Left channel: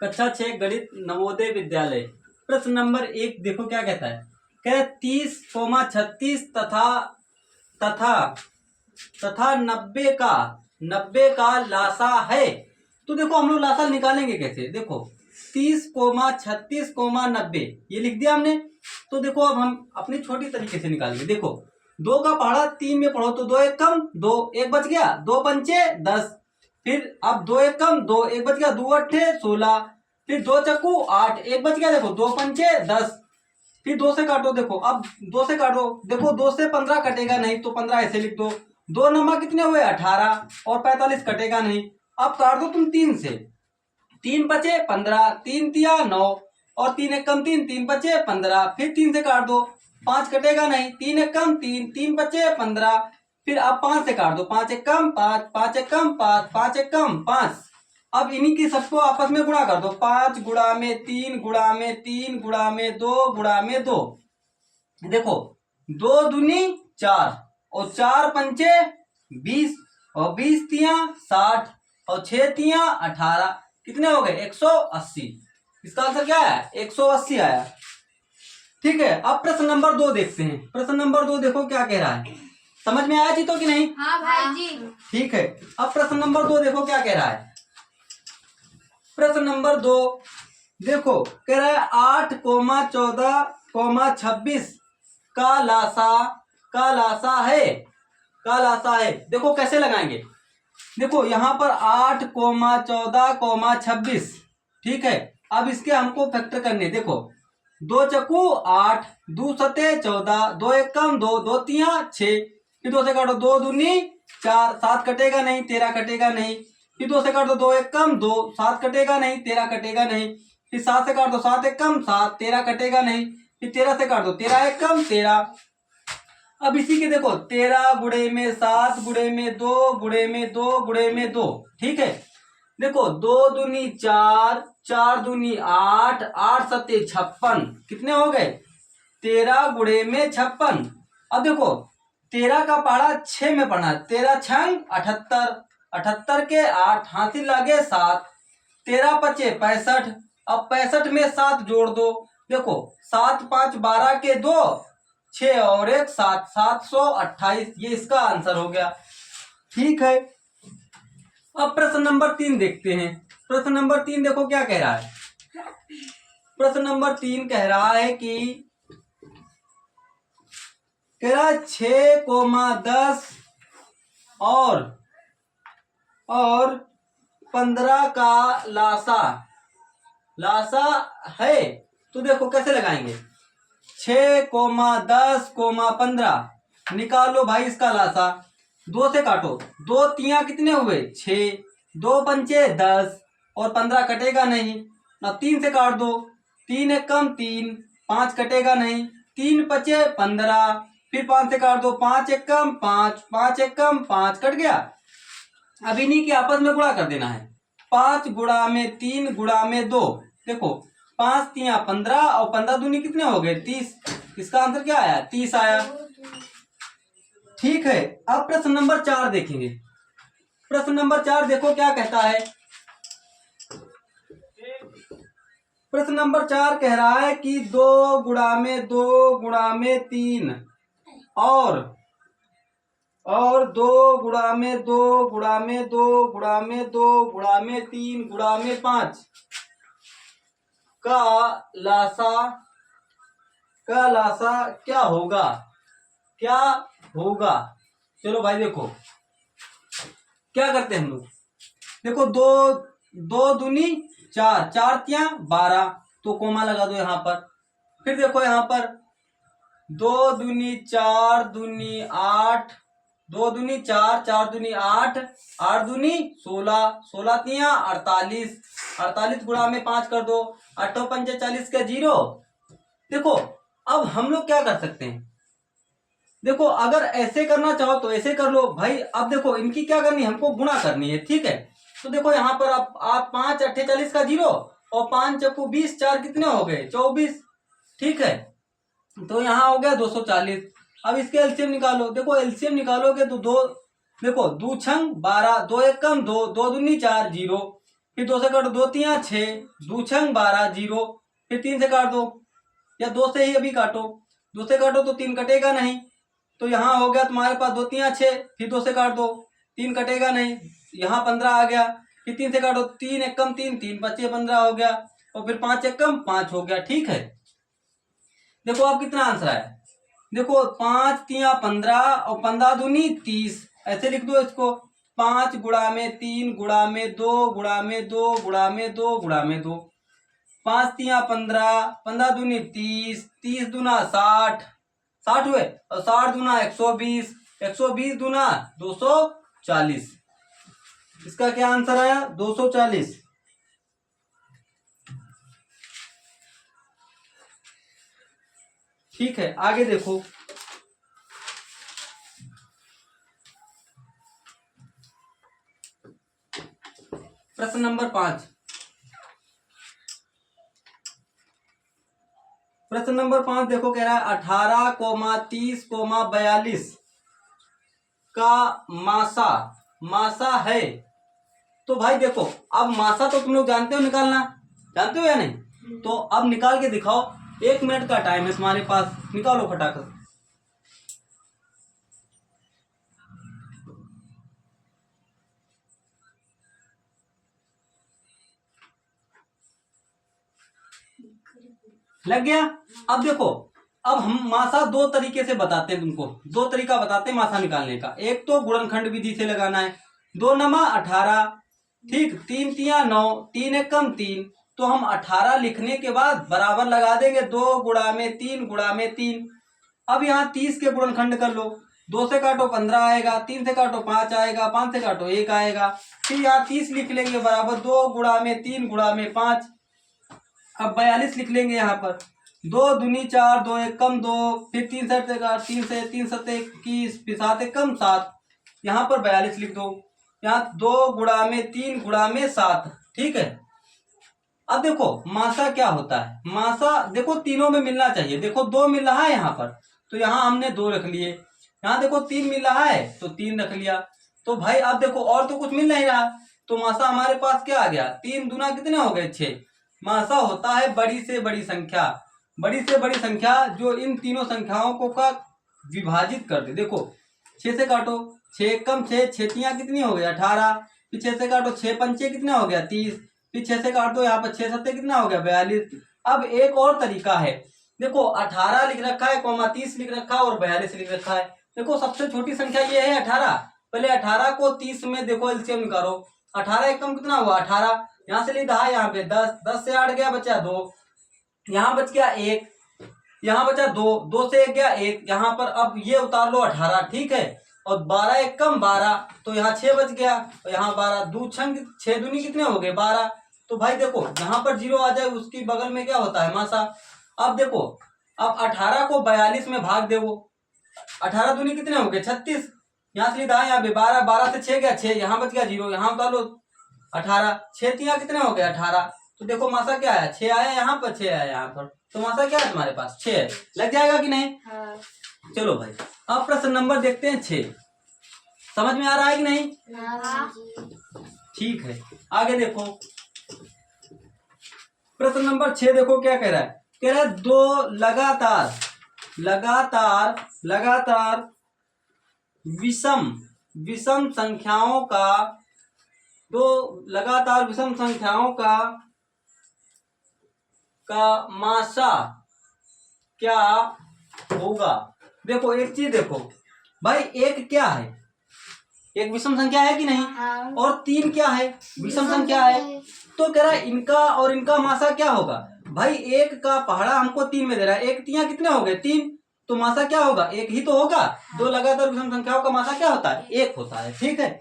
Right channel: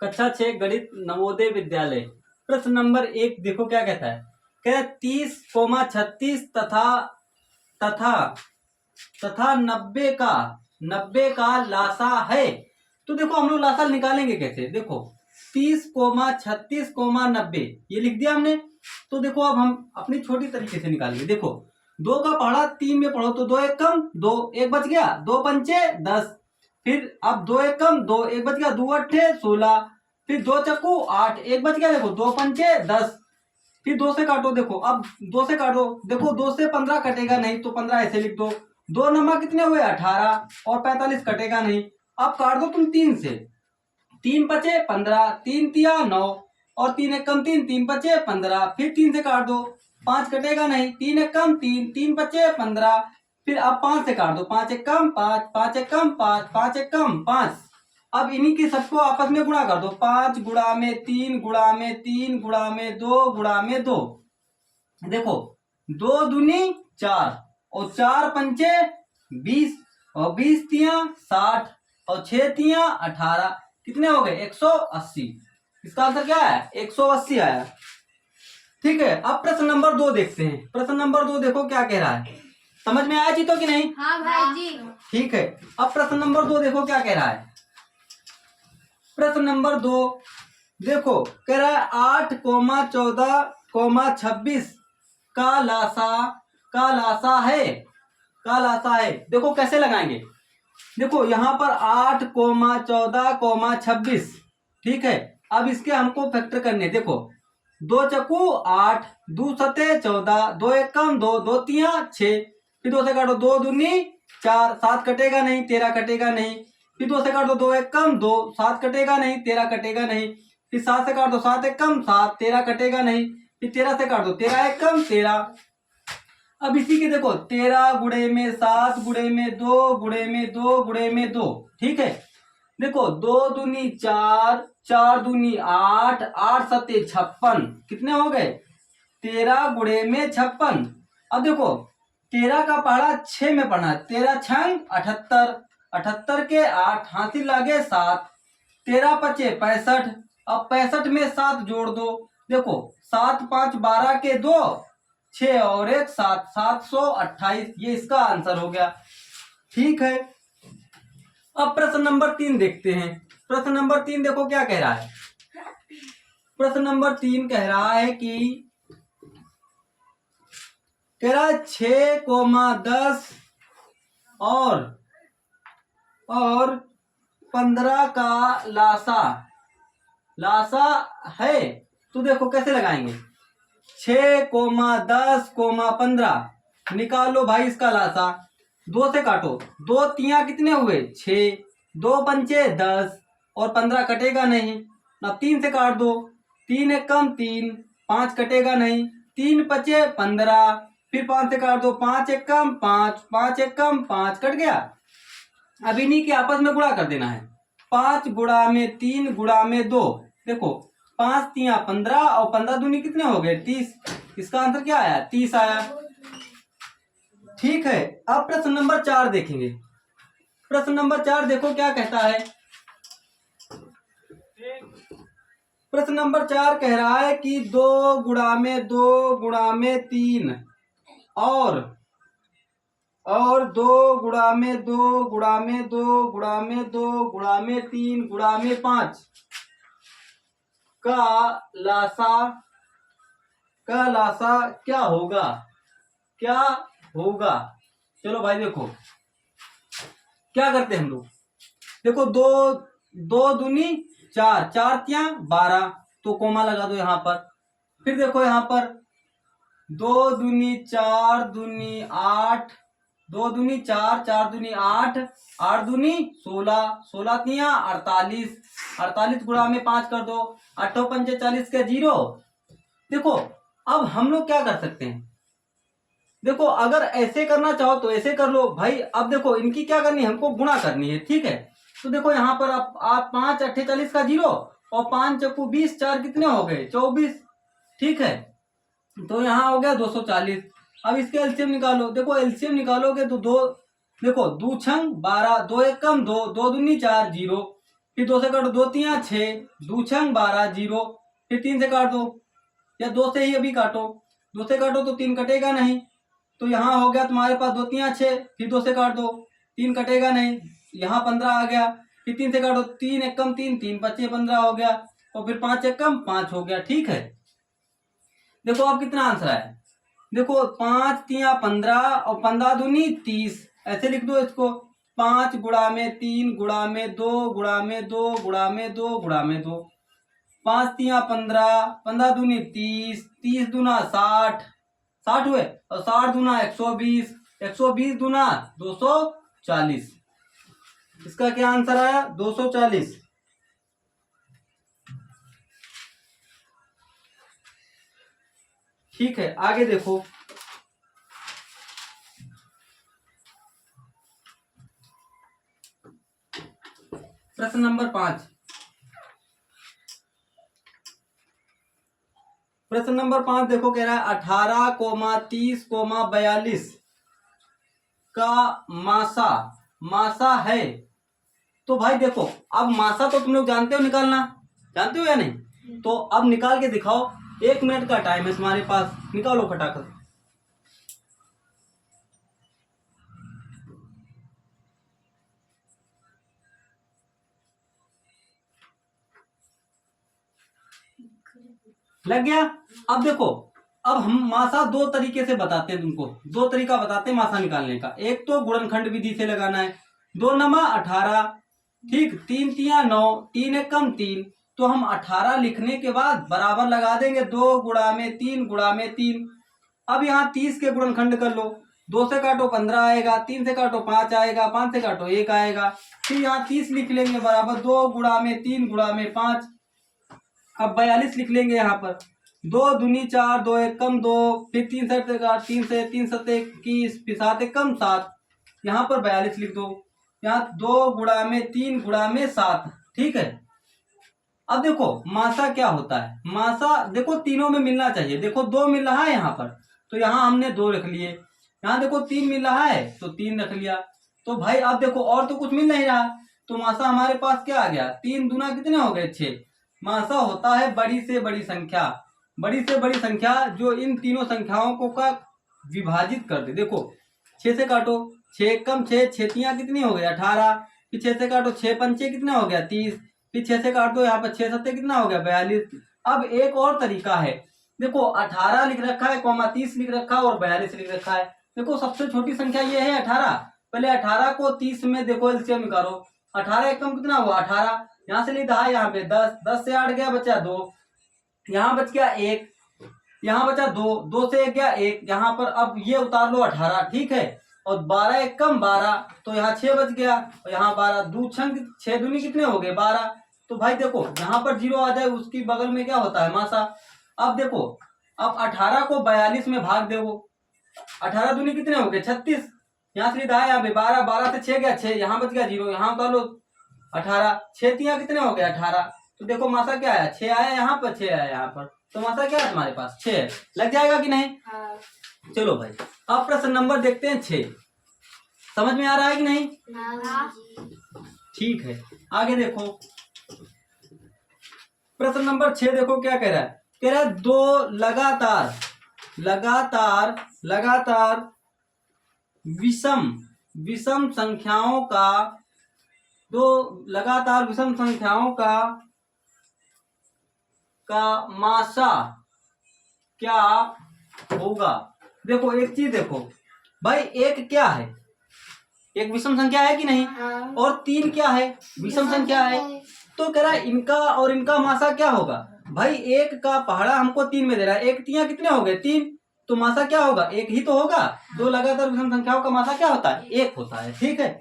कक्षा 6 गणित नवोदय विद्यालय। प्रश्न नंबर 1 देखो क्या कहता है। कह 30, 36 तथा तथा तथा 90 का लासा है। तो देखो हम लोग लासा निकालेंगे कैसे। देखो 30, 36, 90 ये लिख दिया हमने। तो देखो अब हम अपनी छोटी तरीके से निकालेंगे। देखो 2 का पहाड़ा 3 में पढ़ो तो 2 एक कम 2 एक बच गया, 2 पंचे 10। फिर अब 2 एक कम 2 एक बच गया, 2 अट्ठे 16। फिर 2 चक्कू 8 एक बच गया। देखो 2 पंचे 10। फिर 2 से काटो। देखो अब 2 से काटो। देखो 2 से 15 कटेगा नहीं तो 15 ऐसे लिख दो। 2 नमा कितने हुए 18 और 45 कटेगा नहीं। अब काट दो तुम 3 से। 3 बचे 15, 3 तिया 9 और 3 एक कम 3, 3 बचे 15। फिर 3 से काट दो, 5 कटेगा नहीं। 3 एक कम 3, 3 बचे 15। फिर अब 5 से काट दो, 5 एक कम 5, 5 एक कम 5, 5 एक कम 5। अब इन्हीं की सबको आपस में गुणा कर दो। 5 गुणा में 3 गुणा में 3 गुणा में 2 गुणा में 2। देखो 2 दूनी 4 और 4 पंचे 20 और 20 तिया 60 और 6 तिया 18। कितने हो गए 180। इसका आंसर क्या है 180 आया। ठीक है, अब प्रश्न नंबर 2 देखते हैं। प्रश्न नंबर 2 देखो क्या कह रहा है। समझ में आया जीतो कि नहीं। हाँ भाई जी। ठीक है, अब प्रश्न नंबर 2 देखो क्या कह रहा है। प्रश्न नंबर 2 देखो कह रहा है 8, 14, 26 का लासा है। देखो कैसे लगाएंगे। देखो यहाँ पर 8, 14, 26। ठीक है, अब इसके हमको फैक्टर करने। देखो 2 चक्कू 8, 2 सते 14, 2 एक कम 2, 2 तिया 6। फिर 2 से काटो, 2 दूनी 4, 7 कटेगा नहीं, 13 कटेगा नहीं। फिर 2 से काट दो, 2 एक कम 2, 7 कटेगा नहीं, 13 कटेगा नहीं। फिर 7 से काट दो, 7 एक कम 7, 13 कटेगा नहीं। फिर 13 से काट दो, 13 एक कम 13। अब इसी के देखो 13 गुणे में 7 गुणे में 2 गुणे में 2 गुणे में 2। ठीक है, देखो 2 दूनी 4, 4 दूनी 8, 8 सत्ते 56। कितने हो गए 13 गुणे में 56। अब देखो 13 का पहाड़ा 6 में पढ़ना है। 13 छंग 78, 78 के 8 हाथी लागे 7, 13 पचे 65। अब 65 में 7 जोड़ दो। देखो 7 5 12 के 2 6 और 1 7, 728। ये इसका आंसर हो गया। ठीक है, अब प्रश्न नंबर 3 देखते हैं। प्रश्न नंबर 3 देखो क्या कह रहा है। प्रश्न नंबर 3 कह रहा है कि कह रहा है 6, 10 और 15 का लासा है। तो देखो कैसे लगाएंगे। 6, 10, 15 निकालो भाई इसका लासा। 2 से काटो, 2 तिया कितने हुए 6, 2 पंचे 10 और 15 कटेगा नहीं ना। 3 से काट दो, 3 एक कम 3, 5 कटेगा नहीं। 3 पचे 15। फिर 5 से काट दो, 5 एक कम 5, 5 एक कम 5 कट गया। अब इन्हीं के आपस में गुणा कर देना है। 5 गुणा में 3 गुणा में 2। देखो 5 तिया 15 और 15 दूनी कितने हो गए 30। इसका आंसर क्या आया 30 आया। ठीक है, अब प्रश्न नंबर 4 देखेंगे। प्रश्न नंबर 4 देखो क्या कहता है। प्रश्न नंबर 4 कह रहा है कि 2 गुणा में 2 गुणा में 3 और 2 गुणा में 2 गुणा में 2 गुणा में 2 गुणा में 3 गुणा में 5 का लासा क्या होगा। चलो भाई देखो क्या करते हैं हम लोग। देखो 2 दूनी 4, 4 तिया 12 तो कोमा लगा दो यहाँ पर। फिर देखो यहाँ पर 2 दूनी 4 दूनी 8, 2 दूनी 4, 4 दूनी 8, 8 दूनी 16, 16 तिया 48, 48 गुणा में 5 कर दो, 8 पंचे 40 का 0। देखो अब हम लोग क्या कर सकते हैं। देखो अगर ऐसे करना चाहो तो ऐसे कर लो भाई। अब देखो इनकी क्या करनी है, हमको गुणा करनी है। ठीक है, तो देखो यहाँ पर आप 5 8 40 का 0 और 5 चक्कू 20, 4 कितने हो गए 24। ठीक है, तो यहाँ हो गया 240। अब इसके एलसीएम निकालो। देखो एलसीएम निकालोगे तो 2 देखो 2 छंग 12, 2 एक कम 2, 2 दूनी 4 0। फिर 2 से काटो, 2 तियां 6, 2 छंग 12, 0। फिर 3 से काट दो, या 2 से ही अभी काटो, 2 से काटो तो 3 कटेगा नहीं, तो यहाँ हो गया तुम्हारे पास 2 तियां 6, फिर 2 से काट दो, 3 कटेगा नहीं, यहाँ 15 आ गया। फिर 3 से काटो, 3 एकम 3, 3 पच्चे 15 हो गया, और फिर 5 एकम 5 हो गया। ठीक है, देखो अब कितना आंसर है। देखो 5 तिया 15 और 15 दूनी 30, ऐसे लिख दो इसको। 5 गुणा में 3 गुणा में 2 गुणा में 2 गुणा में 2 गुणा में 2, 5 तिया 15, 15 दूनी 30, 30 दूना 60, 60 हुए, और 60 दूना 120, 120 दूना 240। इसका क्या आंसर आया? 240। ठीक है, आगे देखो। प्रश्न नंबर 5। प्रश्न नंबर 5 देखो, कह रहा है 18,30,42 का मासा है। तो भाई देखो, अब मासा तो तुम लोग जानते हो निकालना, जानते हो या नहीं? तो अब निकाल के दिखाओ, 1 मिनट का टाइम है तुम्हारे पास, निकालो फटाफट। लग गया? अब देखो, अब हम मासा 2 तरीके से बताते हैं तुमको, 2 तरीका बताते हैं मासा निकालने का। एक तो गुणनखंड विधि से लगाना है, 2 नमा 18, ठीक, 3 तिया 9, 3 एकम 3, तो हम 18 लिखने के बाद बराबर लगा देंगे 2 गुणा में 3 गुणा में 3। अब यहाँ 30 के गुणनखंड कर लो, 2 से काटो 15 आएगा, 3 से काटो 5 आएगा, 5 से काटो 1 आएगा। फिर यहाँ 30 लिख लेंगे बराबर 2 गुणा में 3 गुणा में 5। अब 42 लिख लेंगे यहाँ पर, 2 दूनी 4, 2 एकम 2, फिर 3 सत 3 से 3 सत 21, फिर 7 एकम 7, यहाँ पर 42 लिख दो। यहाँ 2 गुणा में 3 गुणा में 7। ठीक है, अब देखो मासा क्या होता है। मासा देखो तीनों में मिलना चाहिए, देखो 2 मिल रहा है यहाँ पर, तो यहाँ हमने 2 रख लिए। यहाँ देखो 3 मिल रहा है तो 3 रख लिया। तो भाई अब देखो और तो कुछ मिल नहीं रहा, तो मासा हमारे पास क्या आ गया? 3 दूना कितने हो गए? 6। मासा होता है बड़ी से बड़ी संख्या, बड़ी से बड़ी संख्या जो इन तीनों संख्याओं को का विभाजित कर दे। देखो 6 से काटो, 6 एकम 6, 6 तियां कितनी हो गई? 18। फिर 6 से काटो, 6 पंचे कितने हो गया? 30। फिर 6 से काट दो, यहाँ पर 6 सत्ते कितना हो गया? 42। अब एक और तरीका है, देखो 18 लिख रखा है, 30 लिख रखा है और 42 लिख रखा है। देखो सबसे छोटी संख्या ये है 18, पहले 18 को 30 में देखो एलसीएम निकालो। 18 एकम कितना हुआ? 18, यहाँ से लिखा है यहाँ पे 10, 10 से 8 गया बचा 2, यहाँ बच गया 1, यहाँ बचा 2, 2 से 1 गया 1, यहाँ पर अब ये उतार लो 18। ठीक है, और 12 एकम 12, तो यहाँ 6 बच गया, और यहाँ 12, 2 छंग 6 दूनी कितने हो गए? 12। तो भाई देखो यहाँ पर 0 आ जाए, उसकी बगल में क्या होता है? मासा। अब देखो, अब 18 को 42 में भाग देवो, 18 दूनी कितने हो गए? 36, यहाँ से लिखा है यहाँ पे 12, 12 से 6 गया 6, यहाँ बच गया 0, यहाँ उतार लो 18, 6 तियां कितने हो गए? 18। तो देखो मासा क्या आया? 6 आया यहाँ पर, 6 आया यहाँ पर, तो मासा क्या है तुम्हारे पास? 6 है। लग जाएगा कि नहीं? हाँ। चलो भाई, अब प्रश्न नंबर देखते हैं 6। समझ में आ रहा है कि नहीं? हाँ। ठीक है, आगे देखो प्रश्न नंबर 6। देखो क्या कह रहा है, कह रहा है 2 लगातार विषम संख्याओं का, 2 लगातार विषम संख्याओं का मासा क्या होगा? देखो एक चीज देखो भाई, एक क्या है? एक विषम संख्या है कि नहीं? हाँ। और 3 क्या है? विषम संख्या है। तो कह रहा है इनका और इनका मासा क्या होगा? भाई एक का पहाड़ा हमको 3 में दे रहा है, 1 तियां कितने हो गए? 3, तो मासा क्या होगा? 1 ही तो होगा। 2 लगातार विषम संख्याओं का मासा क्या होता है? 1 होता है। ठीक है,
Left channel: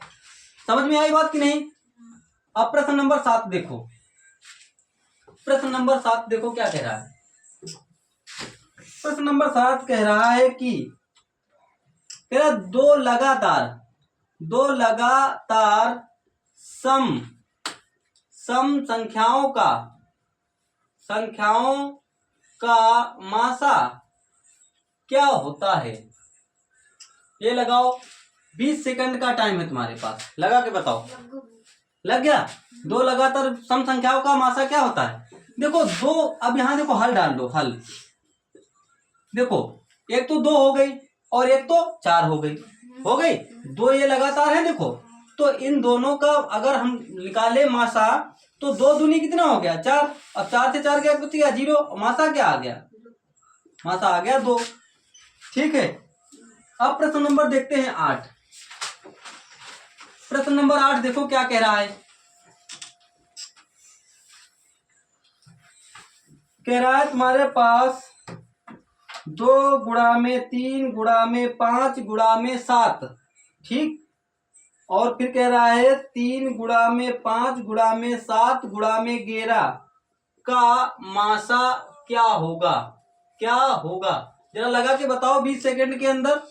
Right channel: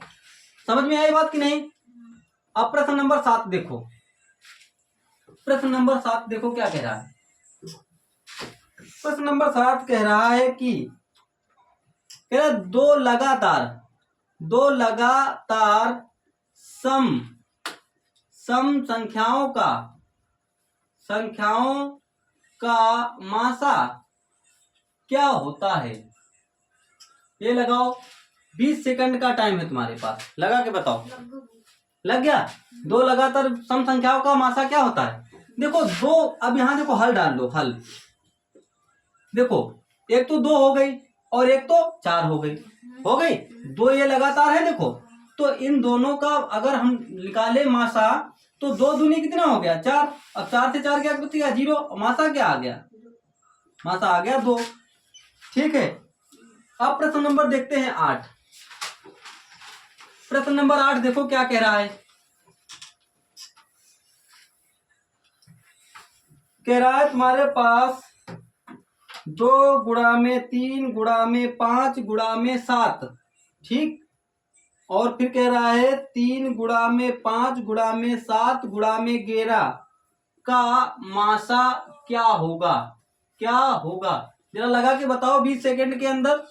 समझ में आई बात कि नहीं? अब प्रश्न नंबर 7 देखो, प्रश्न नंबर 7 देखो क्या कह रहा है। प्रश्न नंबर 7 कह रहा है कि तेरा 2 लगातार सम संख्याओं का मासा क्या होता है? ये लगाओ, 20 सेकंड का टाइम है तुम्हारे पास, लगा के बताओ। लग गया। दो लगातार सम संख्याओं का मासा क्या होता है? देखो दो, अब यहाँ देखो हल डाल लो, हल देखो, एक तो दो हो गई और एक तो चार हो गई, हो गई दो, ये लगातार है देखो। तो इन दोनों का अगर हम निकाले मासा, तो दो दूनी कितना हो गया? चार। अब चार से चार क्या बच गया? जीरो। मासा क्या आ गया? मासा आ गया दो। ठीक है, अब प्रश्न नंबर देखते हैं 8। प्रश्न नंबर 8 देखो क्या कह रहा है। कह रहा है तुम्हारे पास 2 × 3 × 5 × 7, ठीक। और फिर कह रहा है 3 × 5 × 7 × 11 का मासा क्या होगा? क्या होगा? जरा लगा के बताओ 20 सेकंड के अंदर।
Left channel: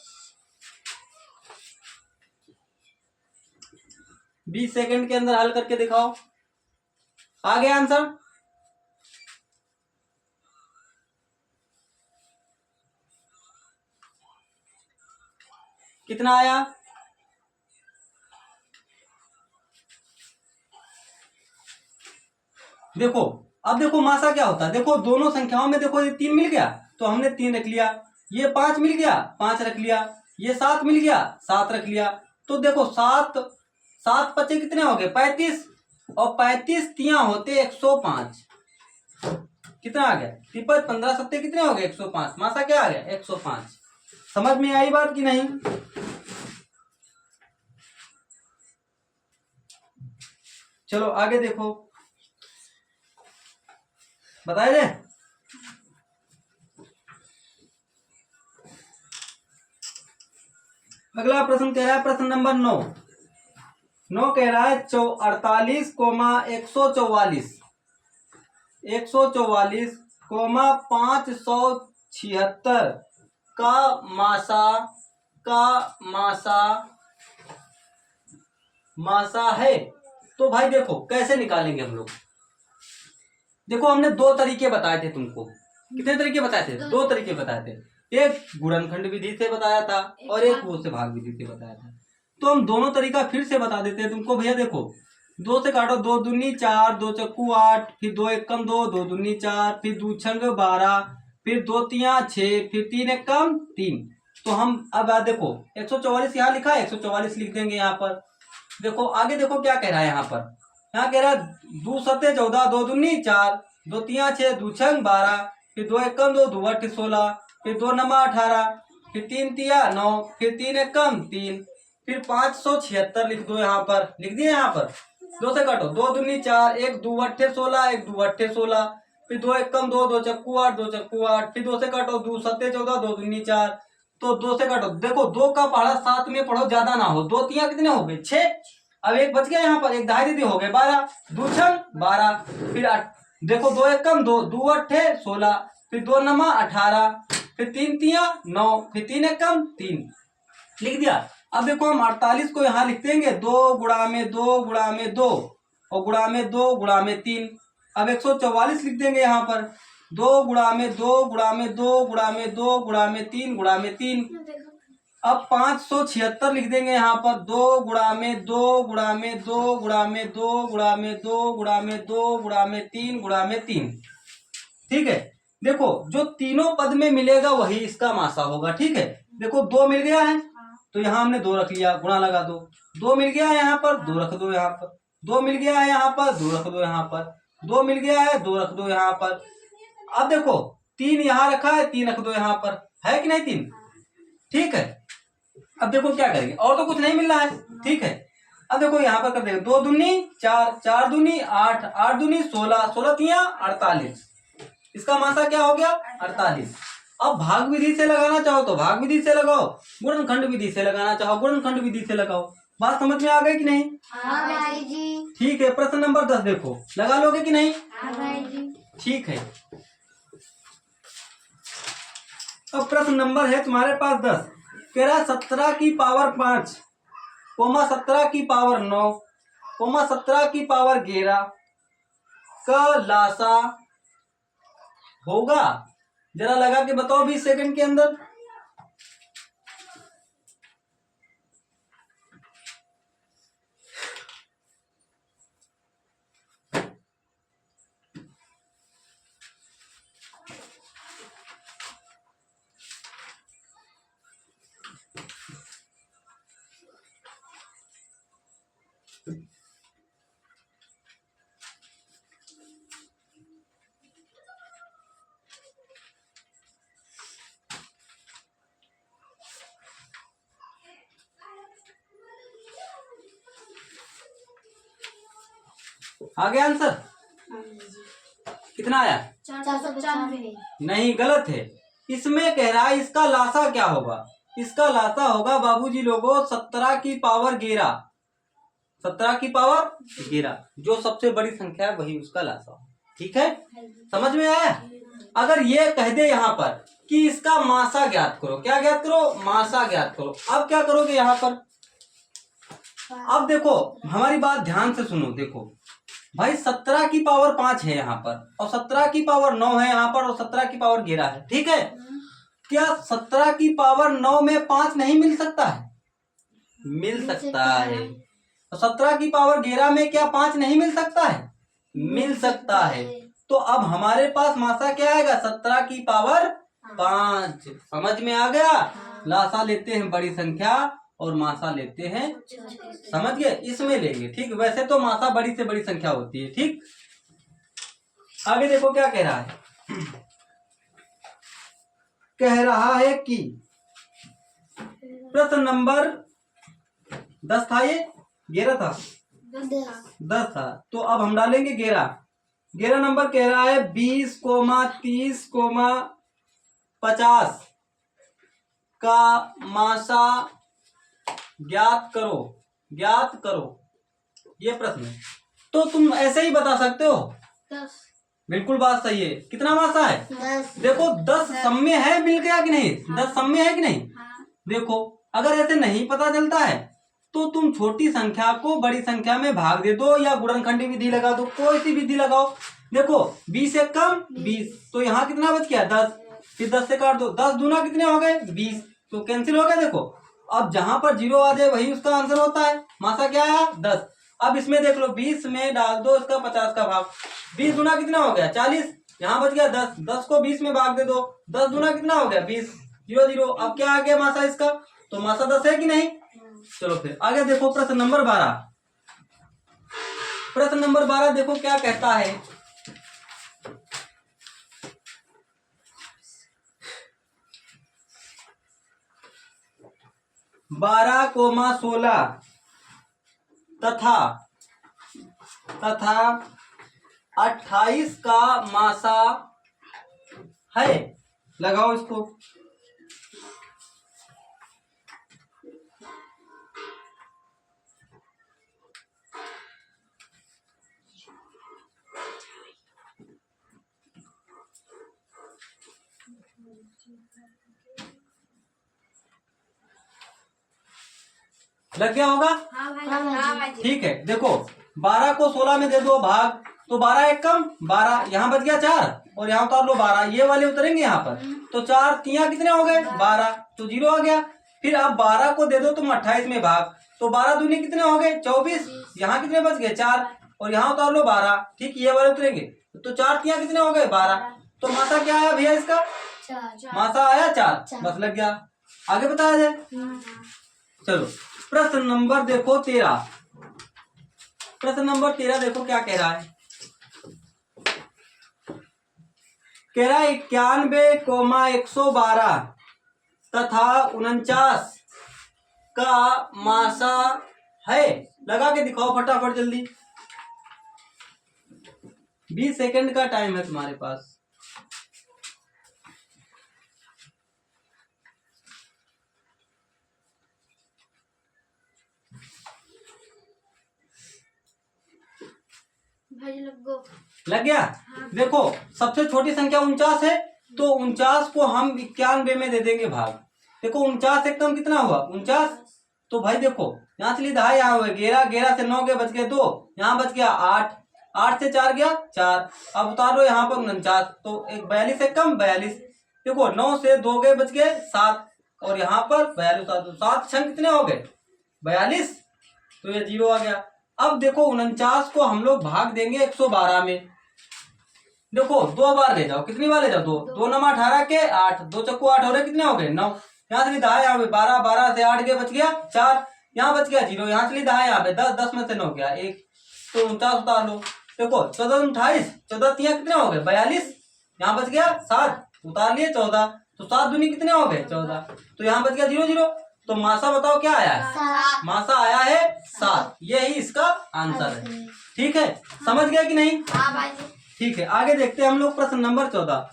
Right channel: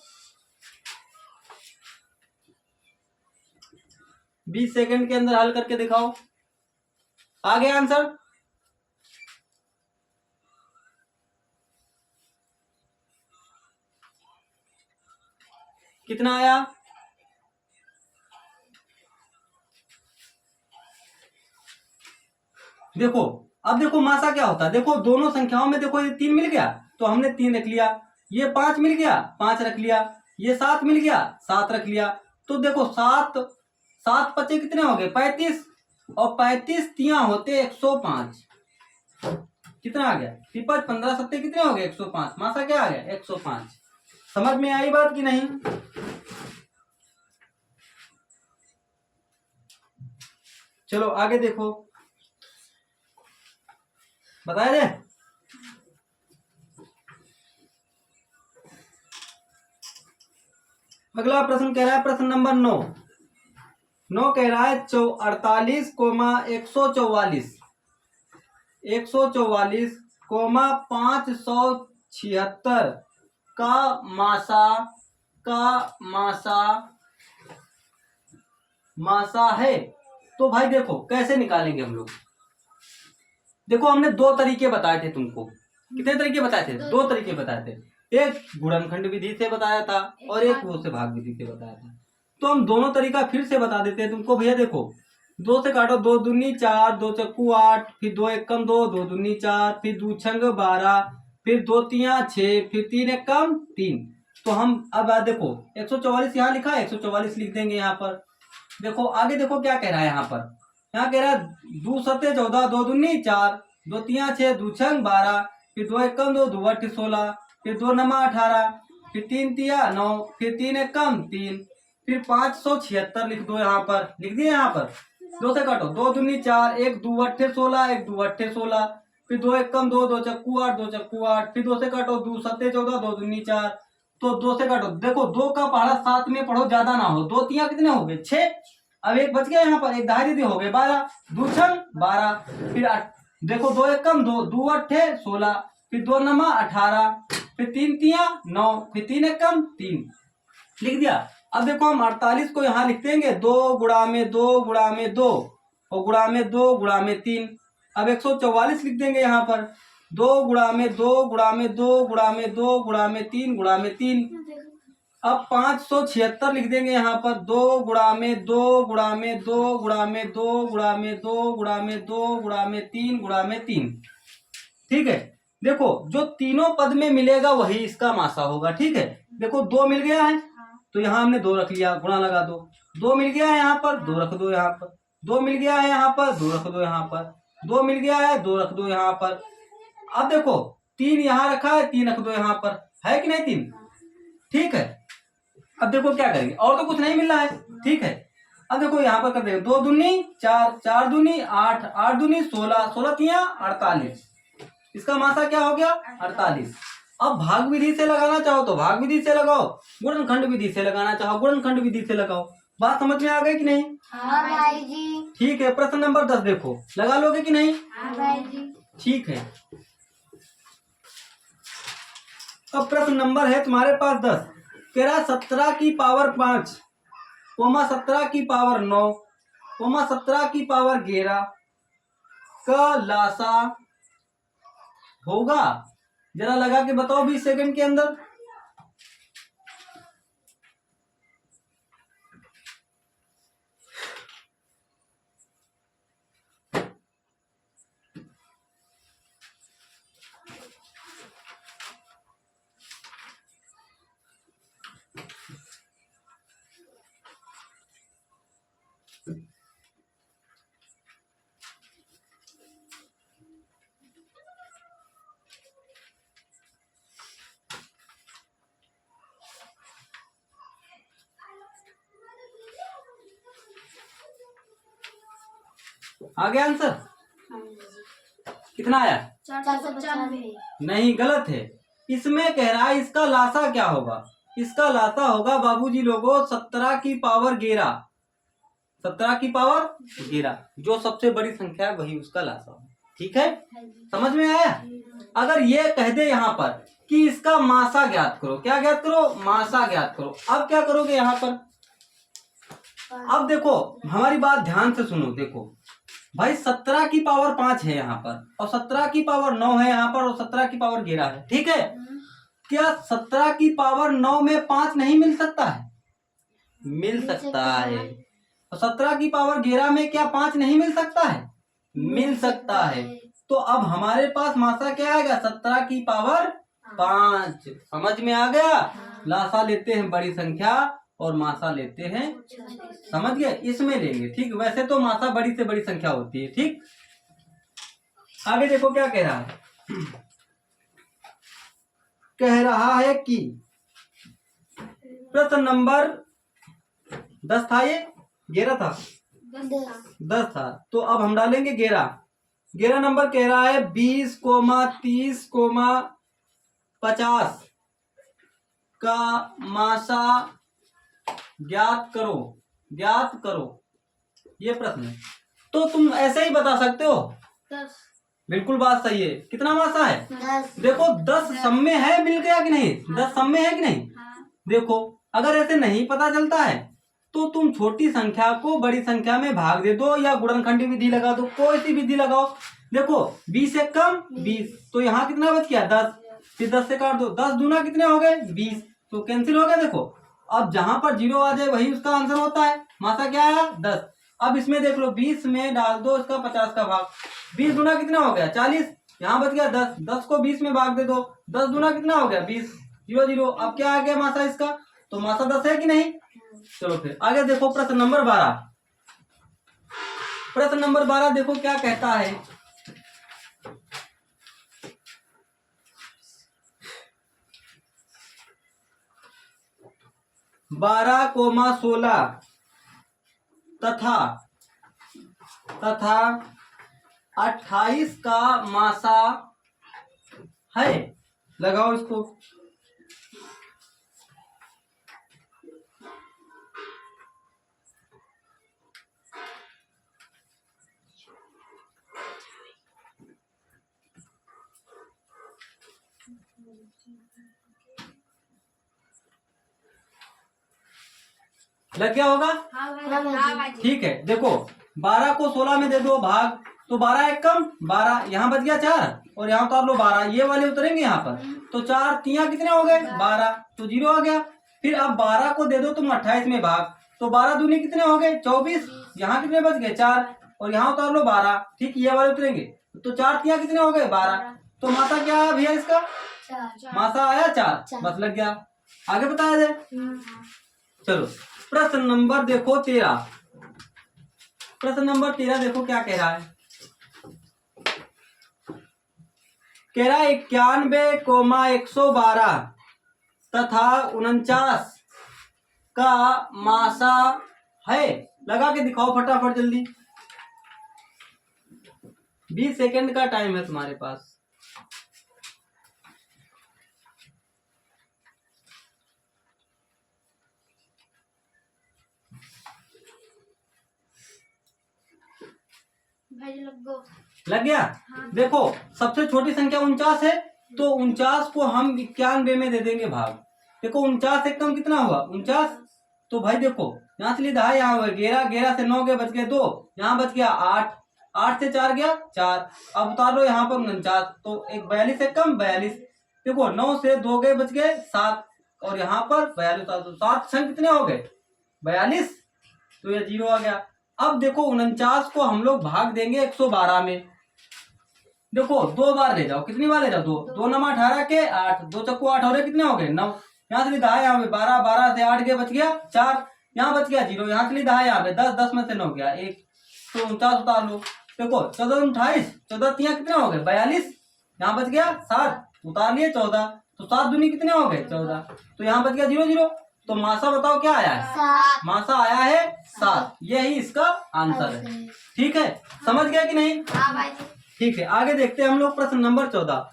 20 सेकंड के अंदर हल करके दिखाओ। आ गया आंसर? कितना आया? देखो, अब देखो मासा क्या होता है। देखो दोनों संख्याओं में देखो, ये 3 मिल गया तो हमने 3 रख लिया, ये 5 मिल गया 5 रख लिया, ये 7 मिल गया 7 रख लिया। तो देखो 7 7 पचे कितने हो गए? 35, और 35 तिया होते 105। कितना आ गया? 53 15 सत्ते कितने हो गए? 105। मासा क्या आ गया? 105। समझ में आई बात कि नहीं? चलो आगे देखो, बताए दे। अगला प्रश्न कह रहा है, प्रश्न नंबर 9 कह रहा है 48,144 144,576 का मासा मासा है। तो भाई देखो कैसे निकालेंगे हम लोग। देखो हमने दो तरीके बताए थे तुमको। कितने तरीके बताए थे? दो तरीके बताए थे। एक गुणनखंड विधि से बताया था और एक वो से भाग विधि से बताया था। तो हम दोनों तरीका फिर से बता देते हैं तुमको। भैया देखो, 2 से काटो, 2 दूनी 4, 2 चक्कू 8, फिर 2 एकम 2, 2 दूनी 4, फिर 2 छंग 12, फिर 2 तिया 6, फिर 3 एकम 3। तो हम अब देखो 144 यहाँ लिखा है, 144 लिख देंगे यहाँ पर। देखो आगे देखो क्या कह रहा है यहाँ पर। यहाँ कह रहा है 2 सत्ते 14, 2 दूनी 4, 2 तिया 6, 2 छंग 12, फिर 2 एकम 2, 2 अट्ठ 16, फिर 2 नमा 18, फिर 3 तिया 9, फिर 3 एकम 3, फिर 576 लिख दो यहाँ पर। लिख दिए यहाँ पर। 2 से काटो, 2 दूनी 4, 1 2 अट्ठे 16, 1 2 अट्ठे 16, फिर 2 एकम 2, 2 चक्कू 8, 2 चक्कू 8, फिर 2 से काटो, 2 सत्ते 14, 2 दूनी 4। तो 2 से काटो, देखो 2 का पहाड़ा 7 में पढ़ो, ज्यादा ना हो। 2 तिया कितने हो गए? 6। अब एक बच गया यहाँ पर, एक दाई दीदी हो गए 12, 2 छंग 12, फिर 8, देखो 2 एकम 2, 2 अट्ठे 16, फिर 2 नमा 18, फिर 3 तिया 9, फिर 3 एकम 3। लिख दिया। अब देखो हम 48 को यहाँ लिख देंगे 2 गुणा में 2 गुणा में 2 और गुणा में 2 गुणा में 3। अब 144 लिख देंगे यहाँ पर 2 गुणा में 2 गुणा में 2 गुणा में 2 गुणा में 3 गुणा में 3। अब 576 लिख देंगे यहाँ पर 2 गुणा में 2 गुणा में 2 गुणा में 2 गुणा में 2 गुणा में 2 गुणा में 3 गुणा में 3। ठीक है, देखो जो तीनों पद में मिलेगा वही इसका मासा होगा। ठीक है, देखो 2 मिल गया है तो यहाँ हमने 2 रख लिया, गुणा लगा दो। 2 मिल गया है यहाँ पर, 2 रख दो यहाँ पर। 2 मिल गया है यहाँ पर, 2 रख दो यहाँ पर। 2 मिल गया है, 2 रख दो यहाँ पर। अब देखो 3 यहाँ रखा है, 3 रख दो यहाँ पर। है कि नहीं 3? ठीक है, अब देखो क्या करेंगे, और तो कुछ नहीं मिल रहा है। ठीक है, अब देखो यहाँ पर कर देंगे 2 दूनी 4, 4 दूनी 8, 8 दूनी 16, 16 तिया 48। इसका मासा क्या हो गया? 48। अब भाग विधि से लगाना चाहो तो भाग विधि से लगाओ, गुणनखंड विधि से लगाना चाहो गुणनखंड विधि से लगाओ। बात समझ में आ गई कि नहीं? हाँ भाई जी। ठीक है, प्रश्न नंबर 10 देखो, लगा लोगे कि नहीं? हाँ भाई जी। ठीक है, अब प्रश्न नंबर है तुम्हारे पास 10। कह रहा 17 की पावर 5, 17 की पावर 9, 17 की पावर 11 का लासा होगा। जरा लगा के बताओ 20 सेकंड के अंदर। आ गया आंसर? कितना आया? 495। नहीं, गलत है। इसमें कह रहा है इसका लासा क्या होगा। इसका लासा होगा बाबूजी लोगों 17 की पावर 11। 17 की पावर 11 जो सबसे बड़ी संख्या है वही उसका लासा हो। ठीक है, समझ में आया? अगर ये कह दे यहाँ पर कि इसका मासा ज्ञात करो, क्या ज्ञात करो? मासा ज्ञात करो। अब क्या करोगे यहाँ पर? अब देखो हमारी बात ध्यान से सुनो। देखो भाई 17 की पावर 5 है यहाँ पर, और 17 की पावर 9 है यहाँ पर, और 17 की पावर 11 है। ठीक है, क्या 17 की पावर 9 में 5 नहीं मिल सकता है? मिल सकता है। तो 17 की पावर 11 में क्या 5 नहीं मिल सकता है? मिल सकता है। तो अब हमारे पास मासा क्या आएगा? 17 की पावर 5। समझ में आ गया? लासा लेते हैं बड़ी संख्या और मासा लेते हैं, समझ गए? इसमें लेंगे। ठीक, वैसे तो मासा बड़ी से बड़ी संख्या होती है। ठीक, आगे देखो क्या कह रहा है। कह रहा है कि प्रश्न नंबर 10 था, ये 11 था, 10 था। तो अब हम डालेंगे 11 नंबर। कह रहा है 20, 30, 50 का मासा ज्ञात करो। ज्ञात करो, ये प्रश्न है। तो तुम ऐसे ही बता सकते हो। 10। बिल्कुल बात सही है। कितना मासा है? 10। देखो 10 सम में है, मिल गया कि नहीं? 10 सम में है कि नहीं? देखो अगर ऐसे नहीं पता चलता है तो तुम छोटी संख्या को बड़ी संख्या में भाग दे दो, या गुणनखंडी विधि लगा दो, कोई सी विधि लगाओ। देखो 20 से कम 20, तो यहाँ कितना बच गया? 10। फिर 10 से काट दो, 10 दूना कितने हो गए? 20, तो कैंसिल हो गया। देखो अब जहां पर 0 आ जाए वही उसका आंसर होता है। मासा क्या आया? 10। अब इसमें देख लो 20 में डाल दो इसका 50 का भाग। 20 दूना कितना हो गया? 40। यहाँ बच गया 10। 10 को 20 में भाग दे दो, 10 दूना कितना हो गया? 20। 0 0। अब क्या आ गया मासा इसका? तो मासा 10 है कि नहीं? चलो फिर आगे देखो प्रश्न नंबर 12। प्रश्न नंबर 12 देखो क्या कहता है। बारह कोमा 16 तथा 28 का मासा है। लगाओ इसको। लग गया होगा? ठीक है, देखो 12 को 16 में दे दो भाग, तो 12 एक कम 12, यहाँ बच गया 4, और यहाँ उतार लो 12, ये वाले उतरेंगे यहाँ पर। तो 4 तिया कितने हो गए? 12, तो 0 आ गया। फिर अब 12 को दे दो तुम 28 में भाग, तो 12 दूनी कितने हो गए? 24, यहाँ कितने बच गए? 4, और यहाँ उतार लो 12। ठीक, ये वाले उतरेंगे, तो 4 तिया कितने हो गए? 12। तो मासा क्या आया भैया इसका? मासा आया 4। बस लग गया। आगे बताया जाए। चलो प्रश्न नंबर देखो 13। प्रश्न नंबर 13 देखो क्या कह रहा है। कह रहा है 91,112 तथा 49 का मासा है। लगा के दिखाओ फटाफट जल्दी, 20 सेकंड का टाइम है तुम्हारे पास। लग गया? देखो सबसे छोटी संख्या 49 है, तो 49 को हम 91 में दे देंगे भाग। देखो 49 एकदम कितना हुआ? 49। तो भाई देखो यहाँ चली दहा, यहाँ हुआ 11, 11 से 9 के बच गए 2, यहाँ बच गया 8, 8 से 4 गया 4। अब उतार लो यहाँ पर 49, तो एक 42 से कम 42। देखो 9 से 2 गए बच गए 7, और यहाँ पर 42 उतार दो, 7 छंग कितने हो गए? 42, तो ये 0 आ गया। अब देखो 49 को हम लोग भाग देंगे 112 में। देखो 2 बार ले जाओ, कितनी बार ले जाओ? 2, 2 नमा 18 के 8, 2 चक्कू 8 हो रहे, कितने हो गए? 9। यहाँ से दहा, यहाँ पे 12, 12 से 8 गए बच गया 4, यहाँ बच गया 0, यहाँ से दहा, यहाँ पे 10, 10 में से 9 गया 1, तो 49 उतार लो। देखो 14 28, 14 तिया कितने हो गए? 42, यहाँ बच गया 7, उतार लिए 14, तो 7 दूनी कितने हो गए? 14, तो यहाँ बच गया 0 0, तो मासा बताओ क्या आया है, 7। मासा आया है 7। यही इसका आंसर है। ठीक है, समझ गया कि नहीं? हाँ भाई जी। ठीक है, आगे देखते हैं हम लोग प्रश्न नंबर 14।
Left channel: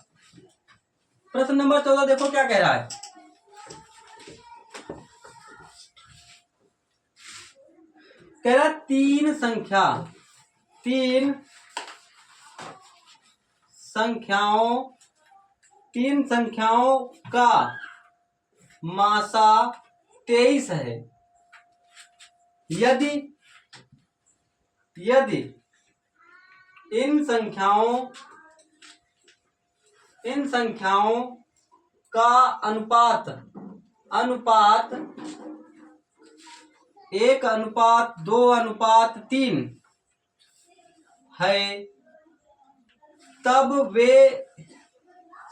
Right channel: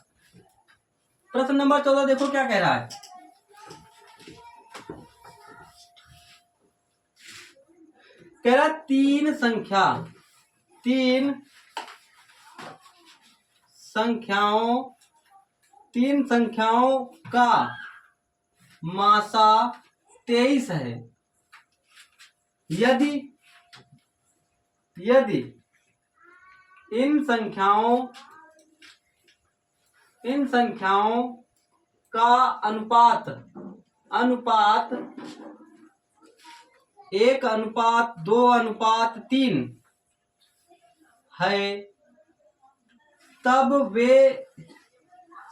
प्रश्न नंबर 14 देखो क्या कह रहा है। कह रहा है तीन संख्याओं का मासा 23 है। यदि इन संख्याओं का अनुपात 1:2:3 है, तब वे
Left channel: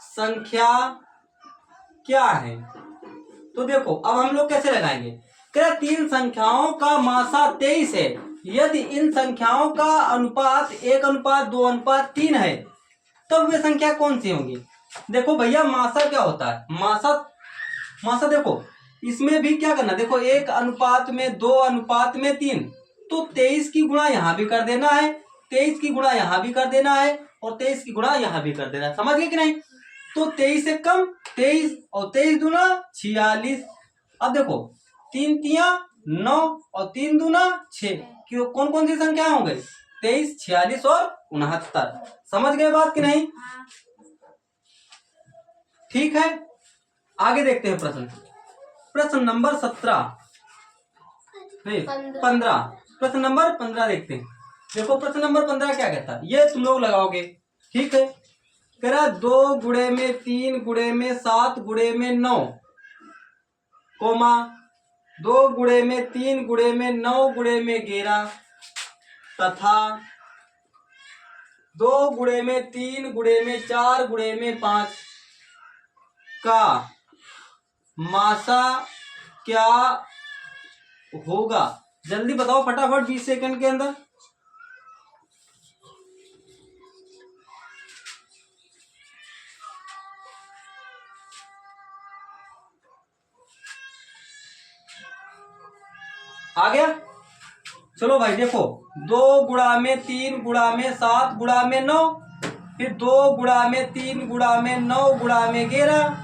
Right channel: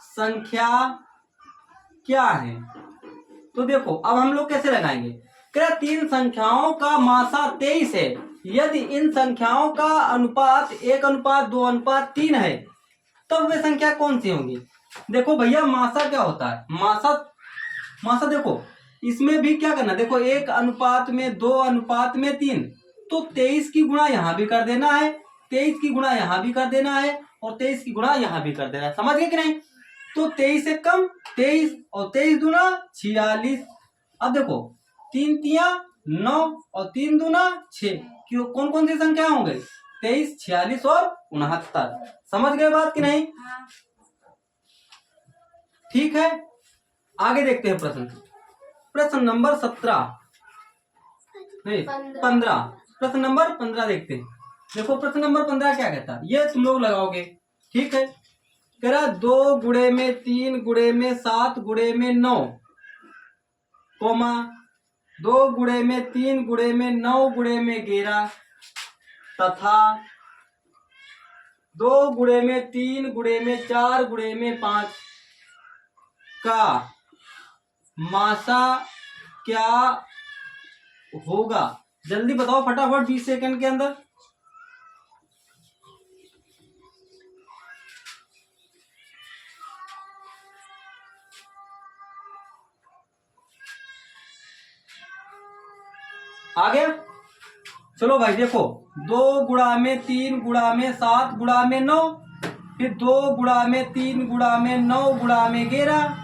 संख्या क्या है? तो देखो अब हम लोग कैसे लगाएंगे। तेरा तीन संख्याओं का मासा 23 है, यदि इन संख्याओं का अनुपात 1:2:3 है, तब वे संख्या कौन सी होंगी? देखो भैया मासा क्या होता है, मासा देखो इसमें भी क्या करना, देखो 1:2:3, तो 23 की गुणा यहाँ भी कर देना है, 23 की गुणा यहाँ भी कर देना है, और 23 की गुणा यहाँ भी कर देना है। समझ गए कि नहीं? तो 23 से कम 23 और 23 दूना 46। अब देखो 3 तिया 9 और 3 दूना 6। क्यों, कौन कौन सी संख्या हो गई? 23, 46 और 69। समझ गए बात कि नहीं? ठीक है, आगे देखते हैं प्रश्न नंबर 17 नहीं 15। प्रश्न नंबर 15 देखते हैं। देखो प्रश्न नंबर 15 क्या कहता है, ये तुम लोग लगाओगे। ठीक है, कह रहा 2 गुणे में 3 गुणे में 7 गुणे में 9, कोमा 2 गुणे में 3 गुणे में 9 गुणे में 11, तथा 2 गुणे में 3 गुणे में 4 गुणे में 5 का मासा क्या होगा? जल्दी बताओ फटाफट, 20 सेकंड के अंदर। आ गया? चलो भाई देखो 2 गुणा में 3 गुणा में 7 गुणा में 9, फिर 2 गुणा में 3 गुणा में 9 गुणा में 11,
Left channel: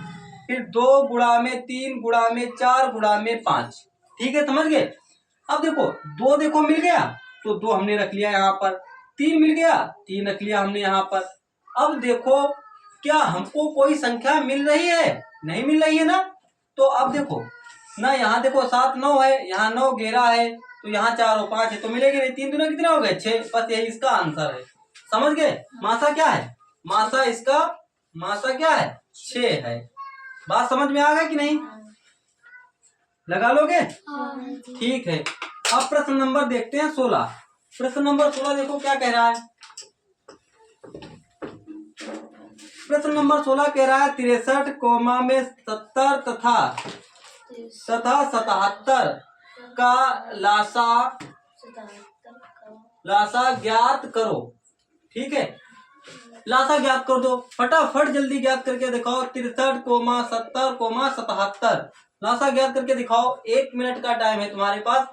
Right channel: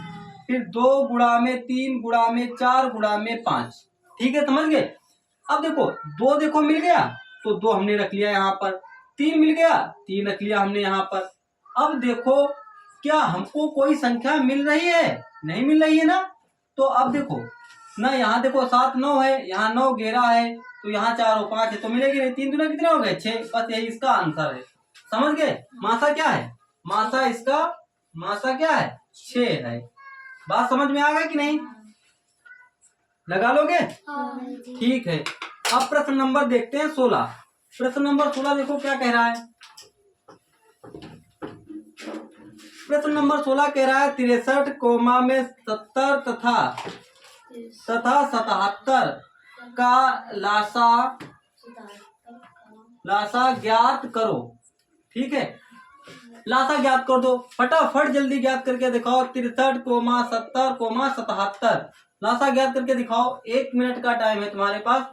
फिर 2 गुणा में 3 गुणा में 4 गुणा में 5। ठीक है, समझ गए? अब देखो 2 देखो मिल गया तो 2 हमने रख लिया यहाँ पर, 3 मिल गया 3 रख लिया हमने यहाँ पर। अब देखो क्या हमको कोई संख्या मिल रही है? नहीं मिल रही है ना। तो अब देखो ना, यहाँ देखो 7 9 है, यहाँ 9 11 है, तो यहाँ 4 और 5 है, तो मिलेगी नहीं। 3 दूना कितने हो गए? 6। बस यही इसका आंसर है। समझ गए? मासा क्या है? मासा क्या है? 6 है। बात समझ में आ गई कि नहीं? लगा लोगे? ठीक है, अब प्रश्न नंबर देखते हैं 16। प्रश्न नंबर 16 देखो क्या कह रहा है। प्रश्न नंबर 16 कह रहा है 63 कोमा में 70 तथा 77 का लासा ज्ञात करो। ठीक है, लासा ज्ञात कर दो फटाफट, जल्दी ज्ञात करके दिखाओ। 63 कोमा 70 कोमा 77 लासा ज्ञात करके दिखाओ। 1 मिनट का टाइम है तुम्हारे पास,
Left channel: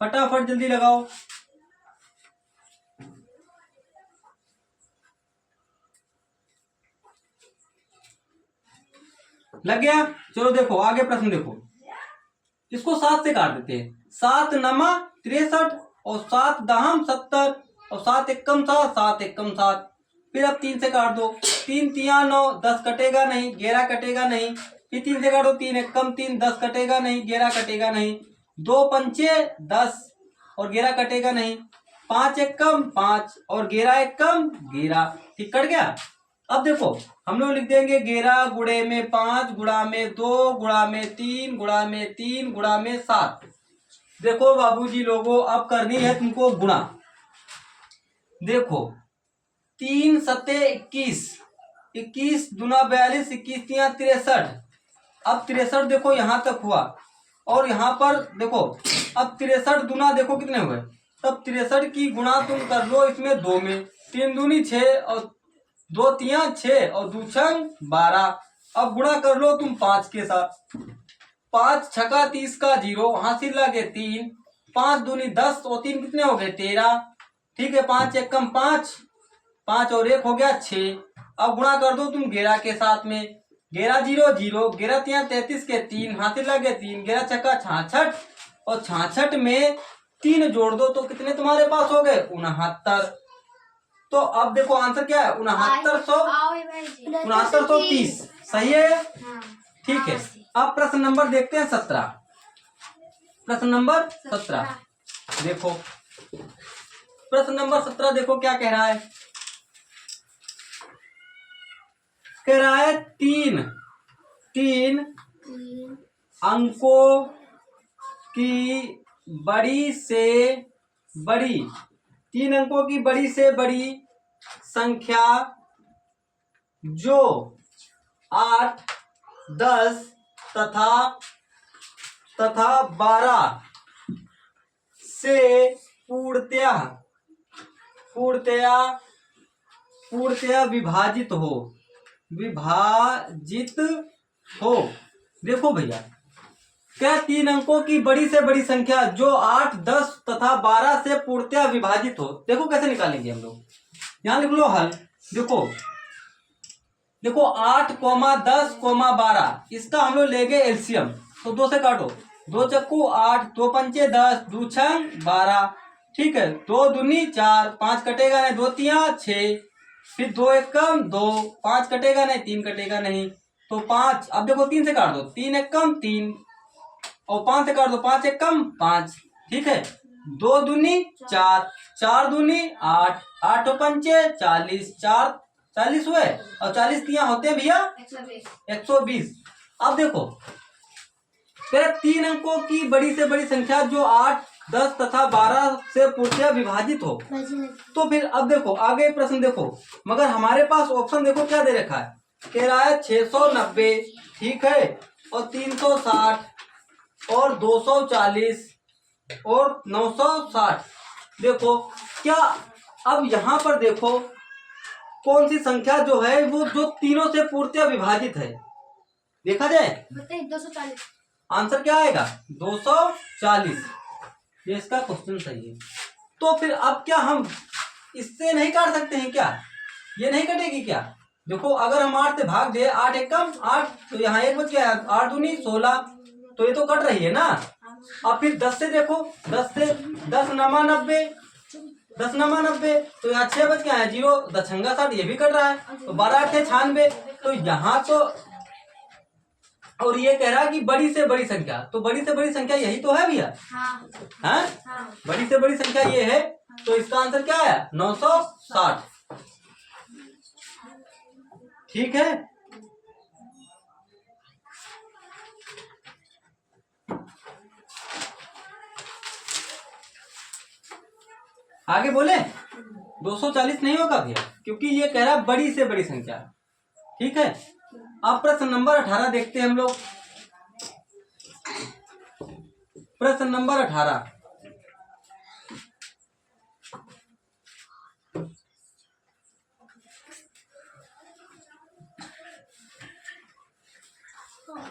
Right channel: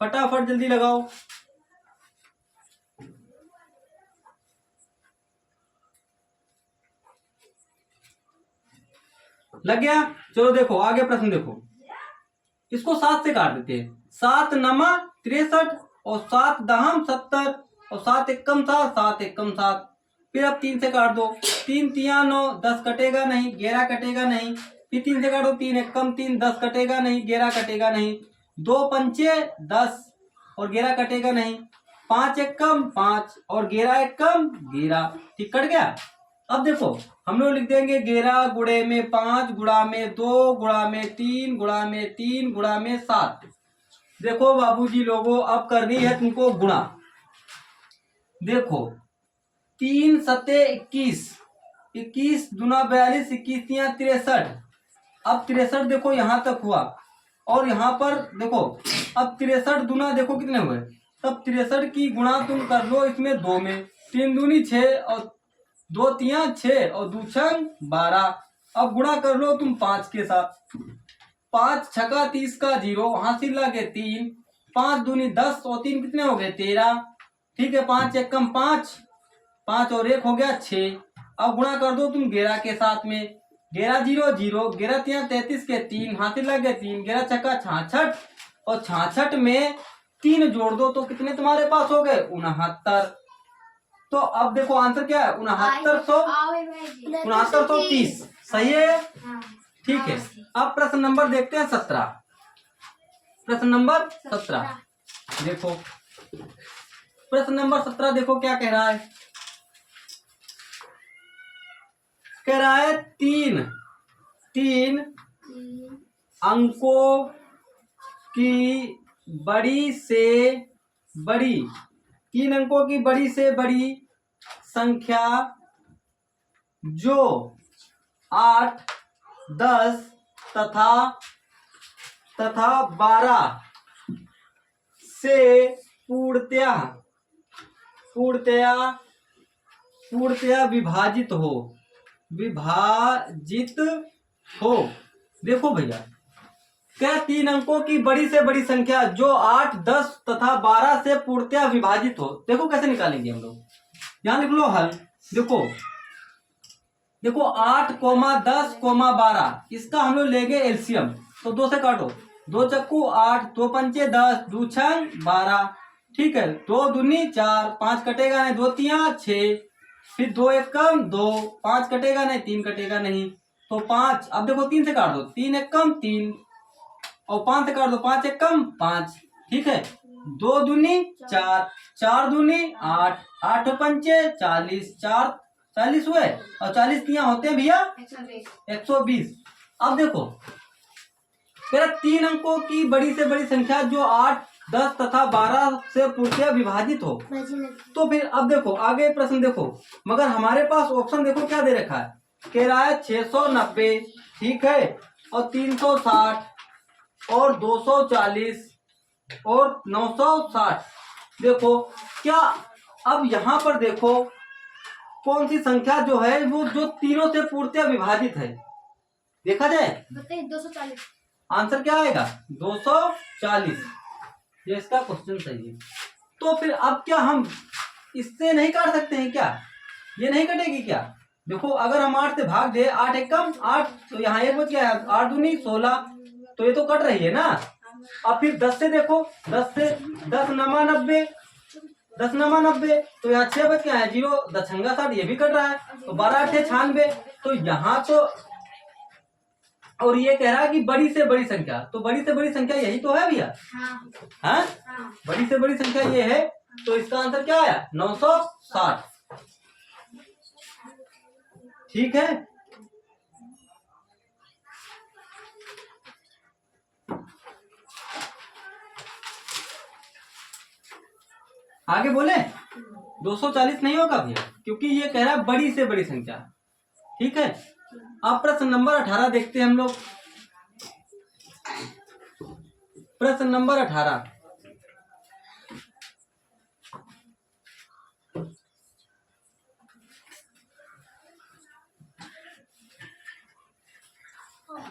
फटाफट जल्दी लगाओ। लग गया? चलो देखो आगे प्रश्न देखो, इसको 7 से काट देते हैं। 7 नमा 63 और 7 दहम 70 और 7 एकम 7 7 एकम 7। फिर अब 3 से काट दो। 3 तिया 9, 10 कटेगा नहीं, 11 कटेगा नहीं। फिर 3 से काटो, 3 एकम 3, 10 कटेगा नहीं, 11 कटेगा नहीं। 2 पंचे 10 और 11 कटेगा नहीं। 5 एकम 5 और 11 एकम 11। ठीक, कट गया। अब देखो हम लोग लिख देंगे 11 गुणे में 5 गुणा में 2 गुणा में 3 गुणा में 3 गुणा में 7। देखो बाबूजी लोगों, अब करनी है तुमको गुणा। देखो 3 सते 21, 21 दूना 42, 21 तिया 63। अब 63 देखो यहाँ तक हुआ, और यहाँ पर देखो अब 63 दूना देखो कितने हुए। तब 63 की गुणा तुम कर लो इसमें 2 में। 3 दूनी 6 और 2 तिया 6 और 2 छंग 12। अब गुणा कर लो तुम 5 के साथ। 5 छका 30 का 0, हासिल लगे 3, 5 दूनी 10 और 3 कितने हो गए 13। ठीक है, 5 एक कम 5, 5 और 1 हो गया 6। अब गुणा कर दो तुम 11 के साथ में। 11 0 0, 11 तिया 33 के 3, हासिल लगे 3, 11 छक्का 66 और 66 में 3 जोड़ दो तो कितने तुम्हारे पास हो गए 69। तो अब देखो आंसर क्या है 6930। सही है, ठीक है। अब प्रश्न नंबर देखते हैं 17। प्रश्न नंबर 17 देखो, प्रश्न नंबर 17 देखो क्या कह रहा है। कह रहा है तीन अंकों की बड़ी से बड़ी, 3 अंकों की बड़ी से बड़ी संख्या जो 8 10 तथा 12 से पूर्णतया विभाजित हो। देखो भैया, क्या 3 अंकों की बड़ी से बड़ी संख्या जो 8 10 तथा 12 से पूर्णतया विभाजित हो। देखो कैसे निकालेंगे हम लोग, यहां लिख लो हल। देखो 8, 10, 12, इसका हम लोग लेंगे एलसीएम। तो 2 से काटो, 2 चक्कू 8, 2 पंचे 10, 2 छंग 12। ठीक है, 2 दूनी 4, 5 कटेगा नहीं, 2 तिया 6, फिर 2 एकम 2, 5 कटेगा नहीं, 3 कटेगा नहीं तो 5। अब देखो 3 से काट दो, 3 एकम 3 और 5 से काट दो, 5 एकम 5। ठीक है, 2 दूनी 4, 4 दूनी 8, 8 पंचे 40, 4 40 हुए और 40 तिया होते हैं भैया 120। अब देखो तेरा 3 अंकों की बड़ी से बड़ी संख्या जो 8 10 तथा 12 से पूर्णतया विभाजित हो। तो फिर अब देखो आगे प्रश्न देखो, मगर हमारे पास ऑप्शन देखो क्या दे रखा है। कह रहा है 690, ठीक है, और 360 और 240 और 960। देखो क्या, अब यहाँ पर देखो कौन सी संख्या जो है वो जो तीनों से पूर्णतया विभाजित है, देखा जाए 240। आंसर क्या आएगा 240। ये इसका क्वेश्चन सही है। तो फिर अब क्या हम इससे नहीं काट सकते हैं क्या, ये नहीं कटेगी क्या। देखो अगर हम 8 से भाग दे, 8 एकम 8 तो यहाँ 1 बच गया, 8 दूनी 16 तो ये तो कट रही है ना। अब फिर 10 से देखो, 10 से 10 नमा 90, 10 नमा 90 तो यहाँ 6 बच गया है, 0 10 छंगा 60, ये भी कट रहा है तो 12 8 96। तो यहाँ तो और ये कह रहा है कि बड़ी से बड़ी संख्या, तो बड़ी से बड़ी संख्या यही तो है भैया। हाँ, बड़ी से बड़ी संख्या ये है, तो इसका आंसर क्या आया 960। ठीक है, आगे बोले 240 नहीं होगा भैया, क्योंकि ये कह रहा है बड़ी से बड़ी संख्या। ठीक है, अब प्रश्न नंबर 18 देखते हैं हम लोग। प्रश्न नंबर 18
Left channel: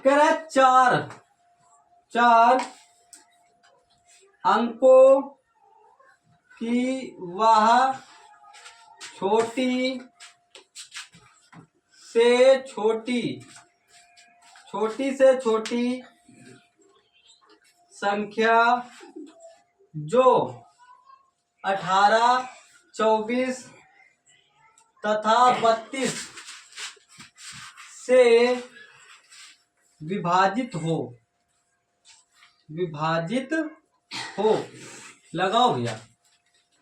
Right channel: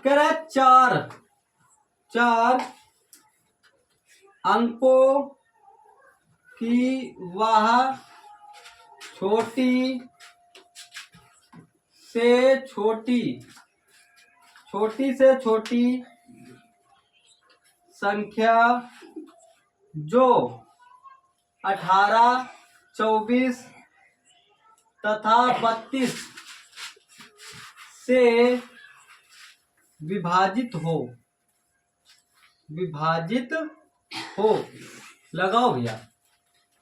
कह रहा है चार अंकों की वह छोटी से छोटी संख्या जो 18 24 तथा 32 से विभाजित हो। लगाओ भैया,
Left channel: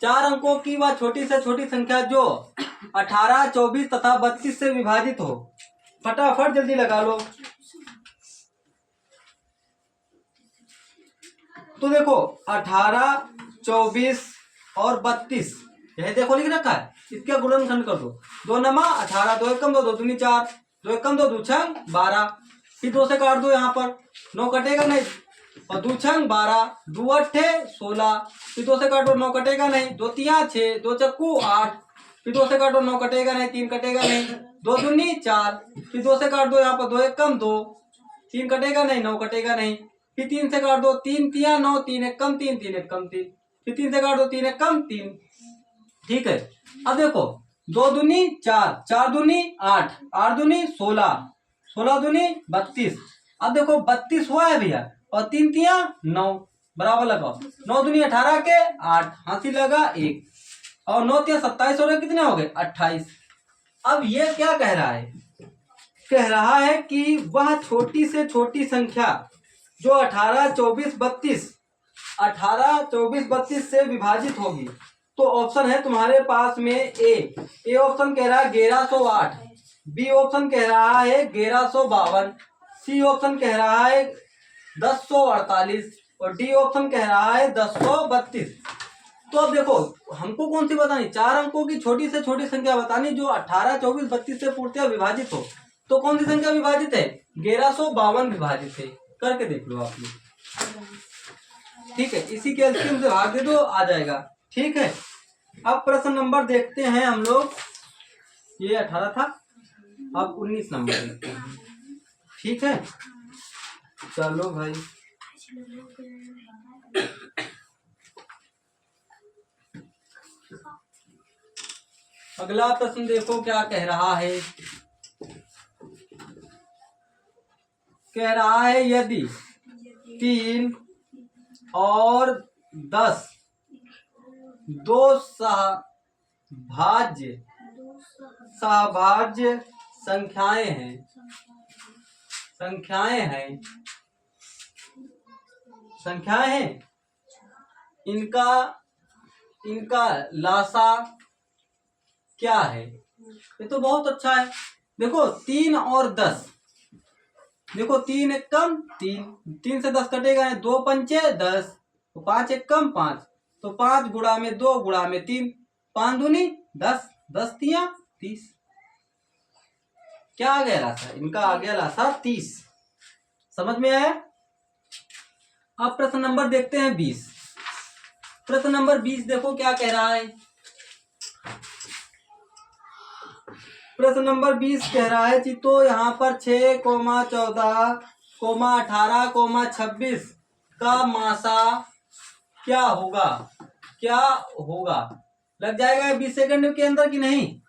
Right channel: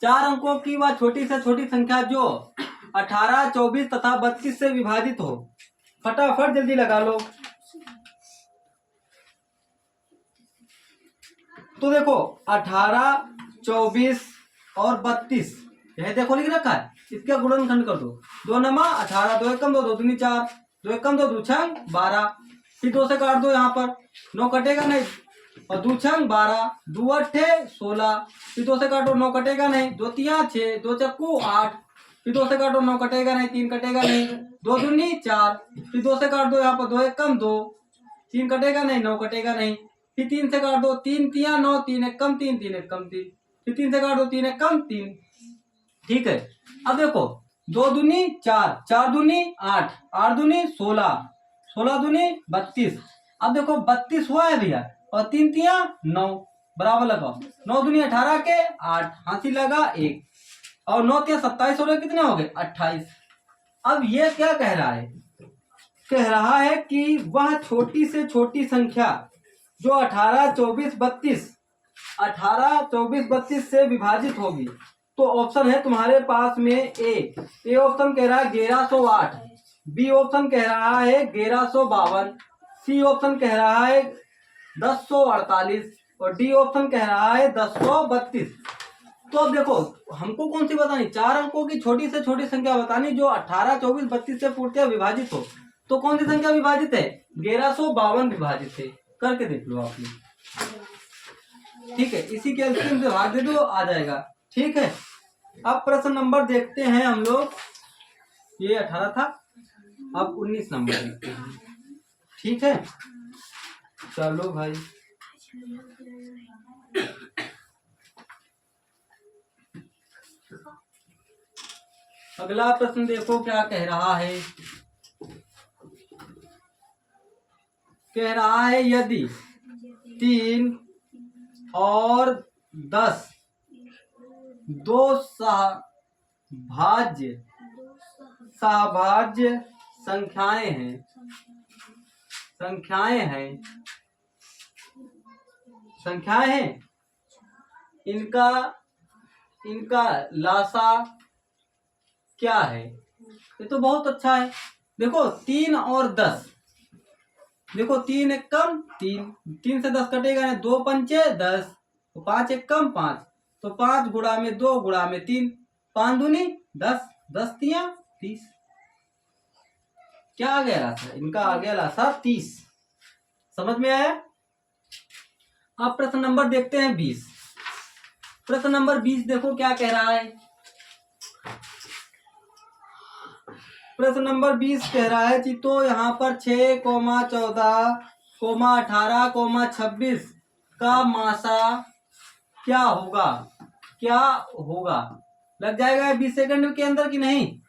4 अंकों की वह छोटी से छोटी संख्या जो 18 24 तथा 32 से विभाजित हो। फटाफट जल्दी लगा लो। तो देखो 18 24 और 32 यह देखो लिख रखा है, इसका गुणनखंड कर दो। 2 नमा 18, 2 एकम 2, 2 दूनी 4, 2 एकम 2, 2 छंग 12, फिर 2 से काट दो, यहाँ पर 9 कटेगा नहीं और 2 छंग 12, 2 अट्ठे 16, फिर 2 से काटो 9 कटेगा नहीं, 2 तिया 6, 2 चक्कू 8, फिर 2 से काट दो, 9 कटेगा नहीं, 3 कटेगा नहीं, 2 दूनी 4, फिर 2 से काट दो, यहाँ पर 2 एक कम 2, 3 कटेगा नहीं, 9 कटेगा नहीं, फिर 3 से काट दो, 3 तिया 9, 3 एक कम 3, 3 एक कम 3, फिर 3 से काट दो, 3 एक कम 3। ठीक है, अब देखो 2 दूनी 4, 4 दूनी 8, 8 दूनी 16, 16 दूनी 32। अब देखो 32 हुआ है भैया, और 3 तिया 9, बराबर लगाओ, 9 दूनी 18 के 8, हाथी लगा 1, और 9 तिया 27 हो रहे, कितने हो गए 28। अब ये क्या कह रहा है, कह रहा है कि वह छोटी से छोटी संख्या जो 18, 24, 32, 18, 24, 32 से विभाजित होगी। तो ऑप्शन है तुम्हारे पास में ए ऑप्शन कह रहा है 1108, बी ऑप्शन कह रहा है 1152, सी ऑप्शन कह रहा है 1048, और डी ऑप्शन कह रहा है 1032। तो अब देखो हमको कौन सी बतानी, 4 अंकों की छोटी से छोटी संख्या बतानी जो 18, 24, 32 से पूर्णतः विभाजित हो। तो कौन सी संख्या विभाजित है, 1152 विभाजित है, करके देख लो आप लोग। ठीक है, इसी के एलसीएम से भाग दे दो, आ जाएगा। ठीक है, अब प्रश्न नंबर देखते हैं हम लोग, ये 18 था, अब 19 नंबर देखते हैं। ठीक है, चलो भाई, अगला प्रश्न देखो क्या कह रहा है। कह रहा है यदि 3 और 10 दो सहभाज्य संख्याएं हैं, इनका लासा क्या है। ये तो बहुत अच्छा है। देखो 3 और 10, देखो 3 एक कम 3, 3 से 10 कटेगा नहीं, 2 पंचे 10, तो 5 एक कम 5, तो 5 गुणा में 2 गुणा में 3, 5 दूनी 10, 10 तिया 30। क्या आ गया लासा, इनका आ गया लासा 30। समझ में आया। अब प्रश्न नंबर देखते हैं 20। प्रश्न नंबर 20 देखो क्या कह रहा है। प्रश्न नंबर 20 कह रहा है जी, तो यहाँ पर 6, 14, 18, 26 का मासा क्या होगा, क्या होगा। लग जाएगा 20 सेकंड के अंदर कि नहीं,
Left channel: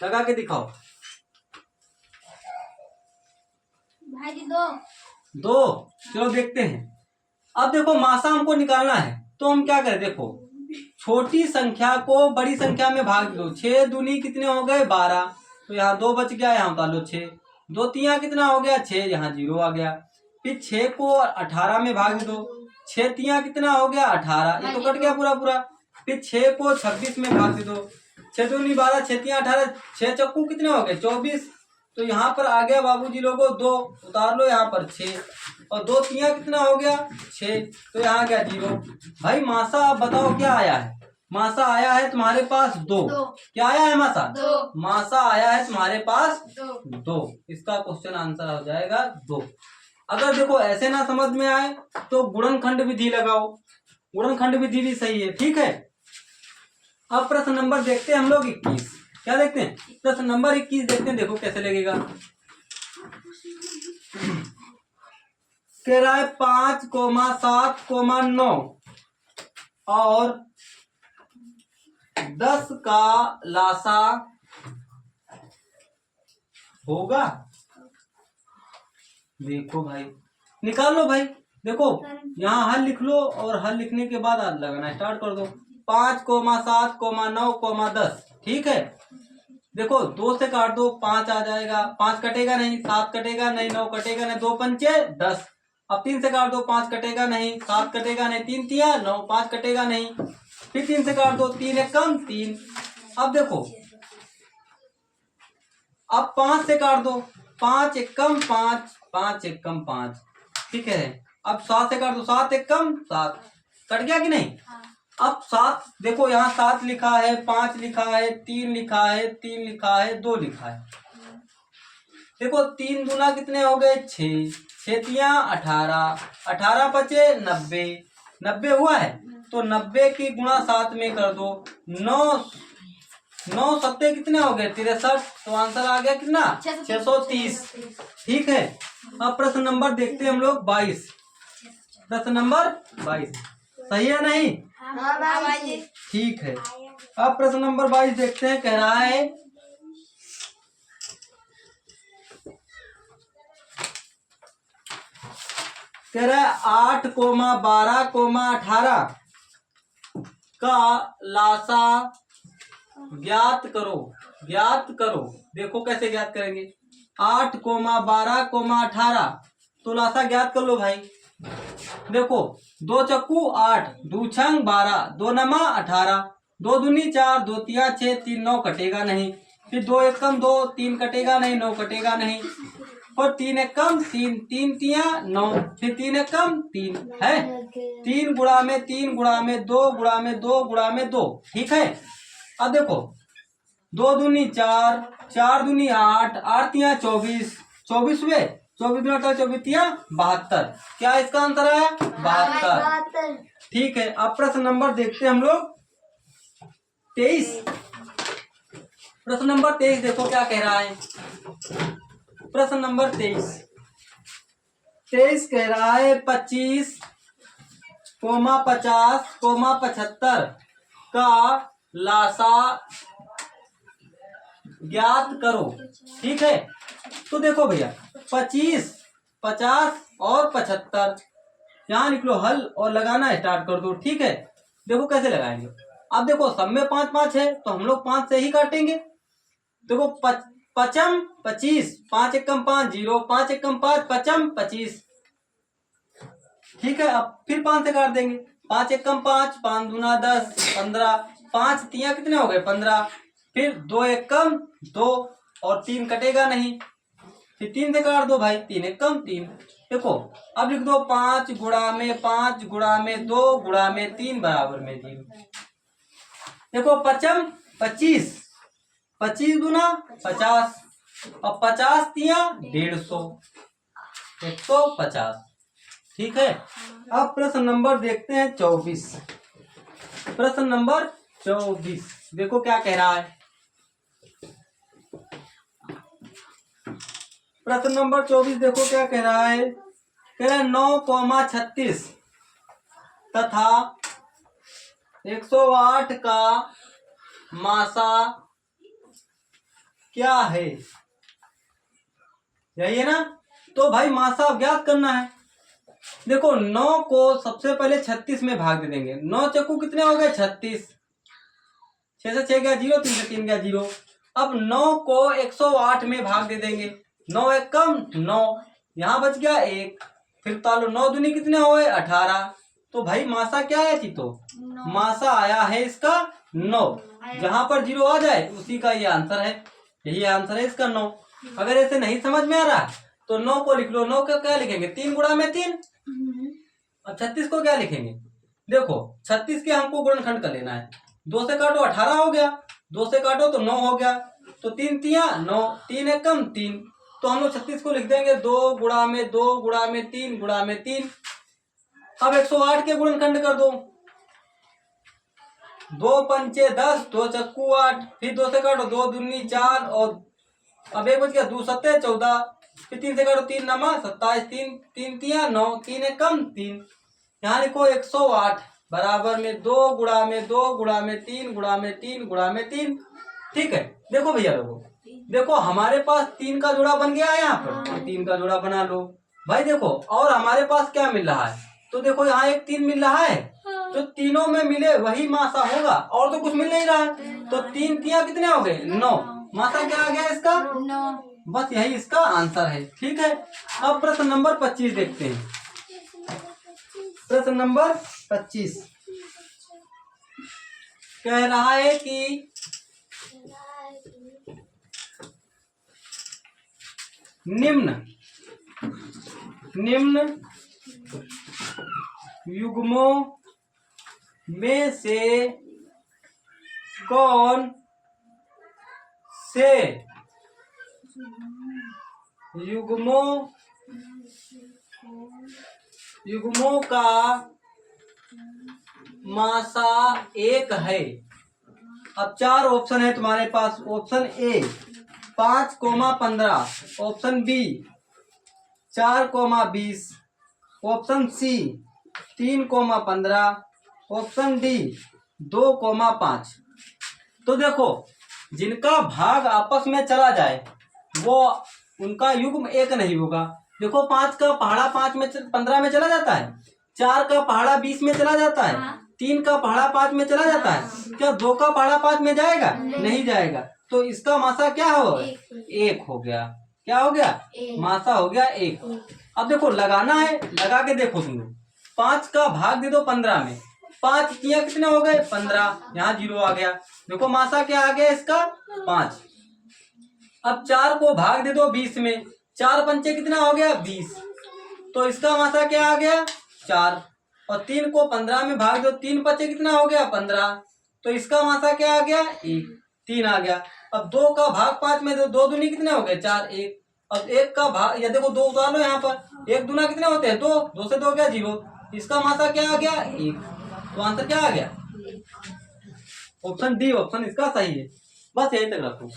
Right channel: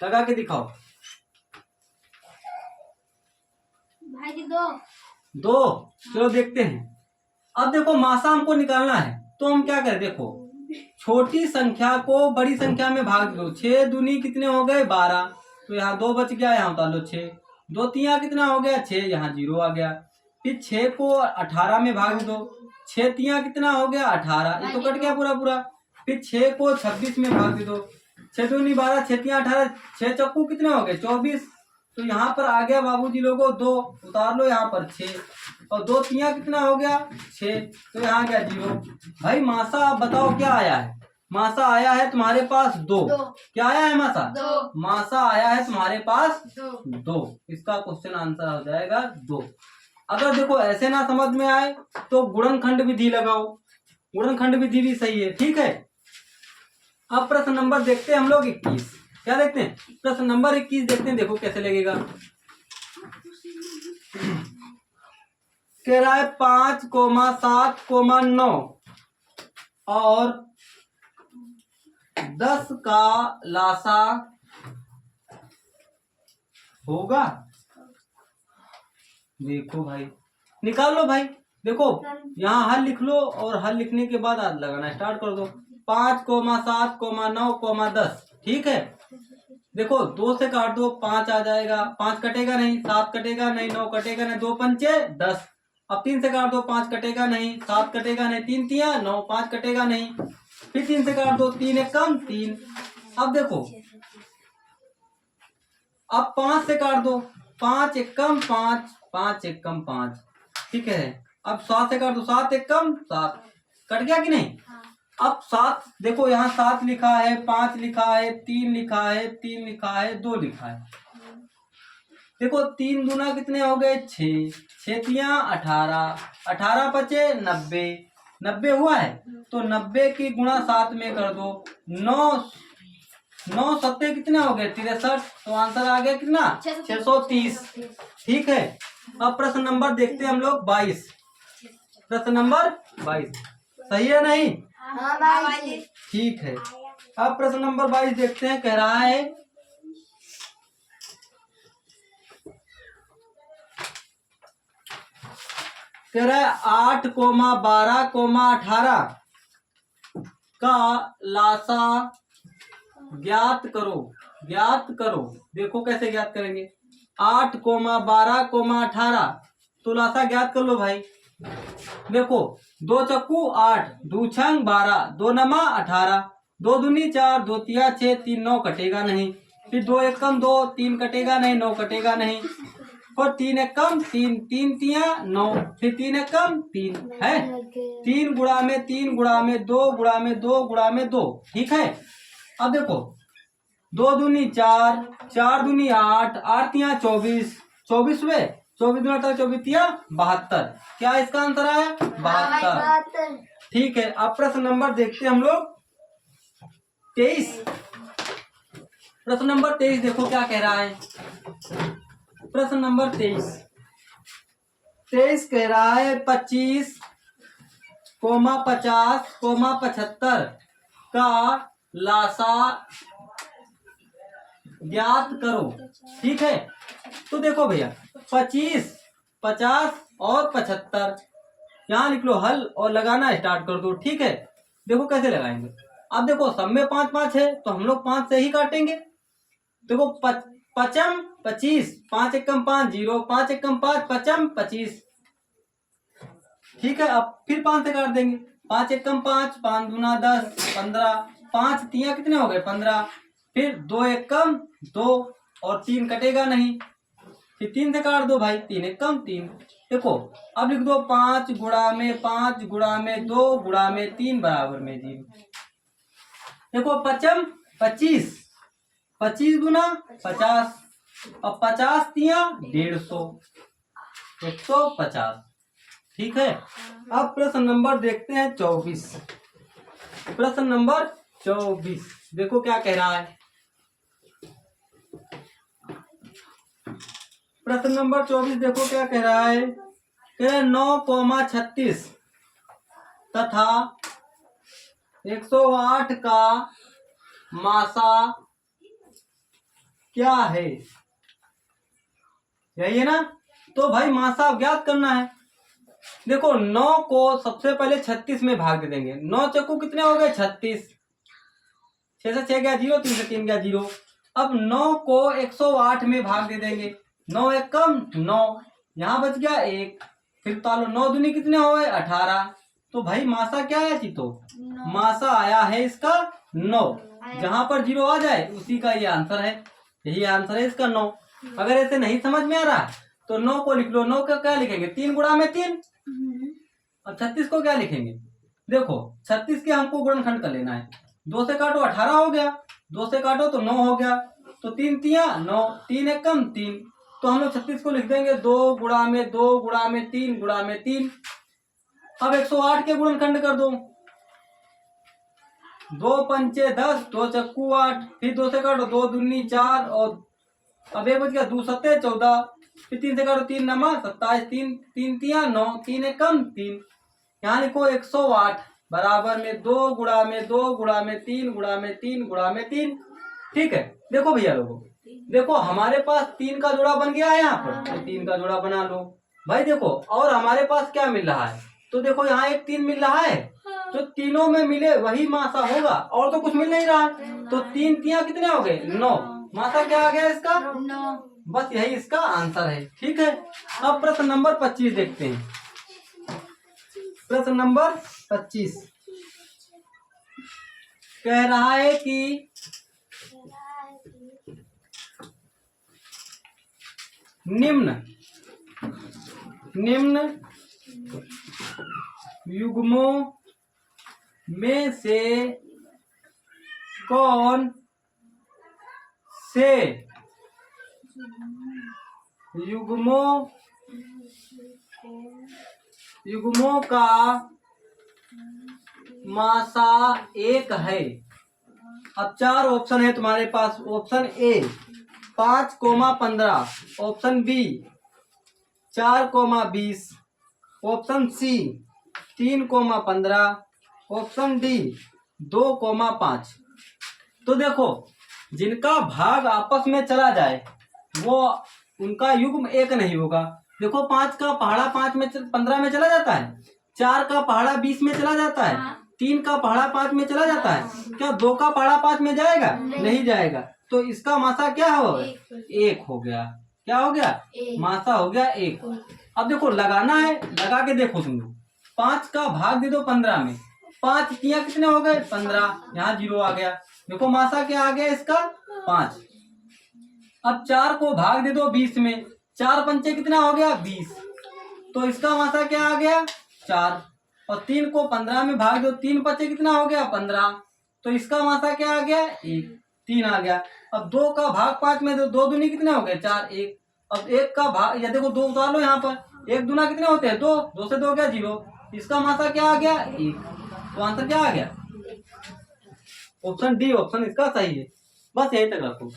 लगा के दिखाओ। भाई जी 2, चलो देखते हैं। अब देखो मासा हमको निकालना है, तो हम क्या करें, देखो छोटी संख्या को बड़ी संख्या में भाग दो। 6 दूनी कितने हो गए 12, तो यहाँ 2 बच गया, यहाँ उतार लो 6, 2 तिया कितना हो गया 6, यहाँ 0 आ गया। फिर 6 को 18 में भाग दो, 6 तिया कितना हो गया 18, ये तो कट गया पूरा पूरा। फिर 6 को 26 में भाग दो, 6 दूनी 12, 6 तिया 18, 6 चक्कू कितने हो गए 24, तो यहाँ पर आ गया बाबूजी लोगों 2, उतार लो यहाँ पर 6, और 2 तिया कितना हो गया 6, तो यहाँ गया 0। भाई मासा आप बताओ क्या आया है। मासा आया है तुम्हारे पास 2। क्या आया है मासा, 2। मासा आया है तुम्हारे पास 2। 2। इसका क्वेश्चन आंसर हो जाएगा 2। अगर देखो ऐसे ना समझ में आए तो गुणनखंड विधि लगाओ, गुणनखंड विधि भी सही है। ठीक है, अब प्रश्न नंबर देखते हैं हम लोग 21। क्या देखते हैं, प्रश्न नंबर 21 देखते हैं, देखो कैसे लगेगा। कह रहा है 5, 7, 9 और 10 का लासा होगा। देखो भाई निकाल लो भाई, देखो यहाँ हल लिख लो, और हल लिखने के बाद आज लगाना स्टार्ट कर दो। 5, 7, 9, 10। ठीक है, देखो 2 से काट दो 5 आ जाएगा, 5 कटेगा नहीं, 7 कटेगा नहीं, 9 कटेगा नहीं, 2 पंचे 10। अब 3 से काट दो 5 कटेगा नहीं, 7 कटेगा नहीं, 3 तिया 9, 5 कटेगा नहीं। फिर 3 से काट दो, 3 एक कम 3। अब देखो अब 5 से काट दो, 5 एक कम 5, 5 एक कम 5। ठीक है, अब 7 से काट दो, 7 एक कम 7। कट गया कि नहीं। अब 7 देखो यहाँ 7 लिखा है, 5 लिखा है, 3 लिखा है, 3 लिखा है, 2 लिखा है। देखो 3 दूना कितने हो गए 6, 6 तिया 18, 18 पचे 90, 90 हुआ है, तो 90 की गुणा 7 में कर दो। 9 9 सत्ते कितने हो गए 63, तो आंसर आ गया कितना 630। ठीक है, अब प्रश्न नंबर देखते हैं हम लोग 22। प्रश्न नंबर 22 सही है नहीं? हाँ भाई। ठीक है, अब प्रश्न नंबर 22 देखते हैं। कह रहा है कह रहा है 8,12,18 का लासा ज्ञात करो। ज्ञात करो, देखो कैसे ज्ञात करेंगे। 8,12,18 तो लासा ज्ञात कर लो भाई। देखो 2 चक्कू 8, 2 छंग 12, 2 नमा 18, 2 दूनी 4, 2 तिया 6, 3 9 कटेगा नहीं। फिर 2 एकम 2, 3 कटेगा नहीं, 9 कटेगा नहीं। और 3 एकम 3, 3 तिया 9, फिर 3 एकम 3 है। 3 गुणा में 3 गुणा में 2 गुणा में 2 गुणा में 2। ठीक है, अब देखो 2 दूनी 4, 4 दूनी 8, 8 तिया 24, 24 हुए, 24 दूनी 18, 24 तिया 72। क्या इसका आंसर आया 72। ठीक है, अब प्रश्न नंबर देखते हैं हम लोग 23। प्रश्न नंबर 23 देखो क्या कह रहा है। प्रश्न नंबर 23 कह रहा है 25, 50, 75 का लासा ज्ञात करो। ठीक है, तो देखो भैया 25, 50 और 75 यहाँ लिख लो हल और लगाना स्टार्ट कर दो। ठीक है, देखो कैसे लगाएंगे। अब देखो सब में 5 5 है तो हम लोग 5 से ही काटेंगे। देखो पचम 25, 5 एकम 5 0, 5 एकम 5 पचम 25। ठीक है, अब फिर 5 से काट देंगे। 5 एकम 5, 5 दूना 10, 15, 5 तिया कितने हो गए 15। फिर 2 एकम 2 और 3 कटेगा नहीं, फिर 3 से काट दो भाई, 3 एकम 3। देखो अब लिख दो 5 गुणा में 5 गुणा में 2 गुणा में 3 बराबर में 0। देखो पचम 25, 25 दूना 50 और 50 तिया 150, 150। ठीक है, अब प्रश्न नंबर देखते हैं 24। प्रश्न नंबर 24 देखो क्या कह रहा है। प्रश्न नंबर 24 देखो क्या कह रहा है। कह रहा है 9,36 तथा 108 का मासा क्या है। यही है ना, तो भाई मासा ज्ञात करना है। देखो 9 को सबसे पहले 36 में भाग दे देंगे। 9 चक्कू कितने हो गए 36, 6 से 6 गया 0, 3 से 3 गया 0। अब 9 को 108 में भाग दे देंगे। 9 एकम 9, यहाँ बच गया 1। फिर तालो 9 दूनी कितने हो गए 18। तो भाई मासा क्या आया थी, तो मासा आया है इसका 9। जहां पर 0 आ जाए उसी का ये आंसर है। यही आंसर है इसका 9। अगर ऐसे नहीं समझ में आ रहा तो 9 को लिख लो। 9 का क्या लिखेंगे 3 गुणा में 3। और 36 को क्या लिखेंगे। देखो 36 के हमको गुणनखंड कर लेना है। 2 से काटो 18 हो गया, 2 से काटो तो 9 हो गया, तो 3 तिया 9, 3 एकम 3। तो हम लोग 36 को लिख देंगे 2 गुणा में 2 गुणा में 3 गुणा में 3। अब 108 के गुणनखंड कर दो। 2 पंचे 10, 2 चक्कू 8, फिर 2 से काटो 2 दूनी 4 और अब 1 बच गया 2 सत्ते 14, फिर 3 से काटो 3 नमा 27, 3 3 तिया 9, 3 एकम 3। यहाँ लिखो 108 बराबर में 2 गुणा में 2 गुणा में 3 गुणा में 3 गुणा में 3। ठीक है, देखो भैया लोगों, देखो हमारे पास 3 का जोड़ा बन गया है यहाँ पर, तो 3 का जोड़ा बना लो भाई। देखो और हमारे पास क्या मिल रहा है, तो देखो यहाँ एक 3 मिल रहा है, जो तीनों में मिले वही मासा होगा, और तो कुछ मिल नहीं रहा। तो 3 तिया कितने हो गए 9, मासा क्या आ गया इसका 9। बस यही इसका आंसर है। ठीक है, अब प्रश्न नंबर 25 देखते हैं। प्रश्न नंबर 25 कह रहा है कि निम्न युग्मों में से कौन से युग्मों का मासा 1 है। अब 4 ऑप्शन है तुम्हारे पास। Option A 5,15, option B 4,20, option C 3,15, option D 2,5। तो देखो जिनका भाग आपस में चला जाए वो उनका युग्म एक नहीं होगा। देखो 5 का पहाड़ा 15 में चला जाता है, 4 का पहाड़ा 20 में चला जाता है, 3 का पहाड़ा 5 में चला जाता है। क्या 2 का पहाड़ा 5 में जाएगा? नहीं जाएगा। तो इसका मासा क्या हो? 1 हो गया। क्या हो गया? मासा हो गया 1। अब देखो लगाना है, लगा के देखो तुम लोग। 5 का भाग दे दो 15 में, 5 तिया कितने हो गए? 15। यहाँ 0 आ गया। देखो मासा क्या आ गया इसका? 5। अब 4 को भाग दे दो 20 में, 4 पंचे कितना हो गया? 20। तो इसका मासा क्या आ गया? 4। और 3 को 15 में भाग दो, 3 पंचे कितना हो गया? 15। तो इसका मासा क्या आ गया? 1। 3 आ गया। अब 2 का भाग 5 में दो, 2 दूनी कितने हो गए? 4। 1। अब 1 का भाग, या देखो 2 उतार लो यहाँ पर, 1 दूना कितने होते हैं? 2। 2 से 2 गया 0। इसका मासा क्या आ गया? 1। तो आंसर क्या आ गया? ऑप्शन डी ऑप्शन इसका सही है। बस यही तक रखो।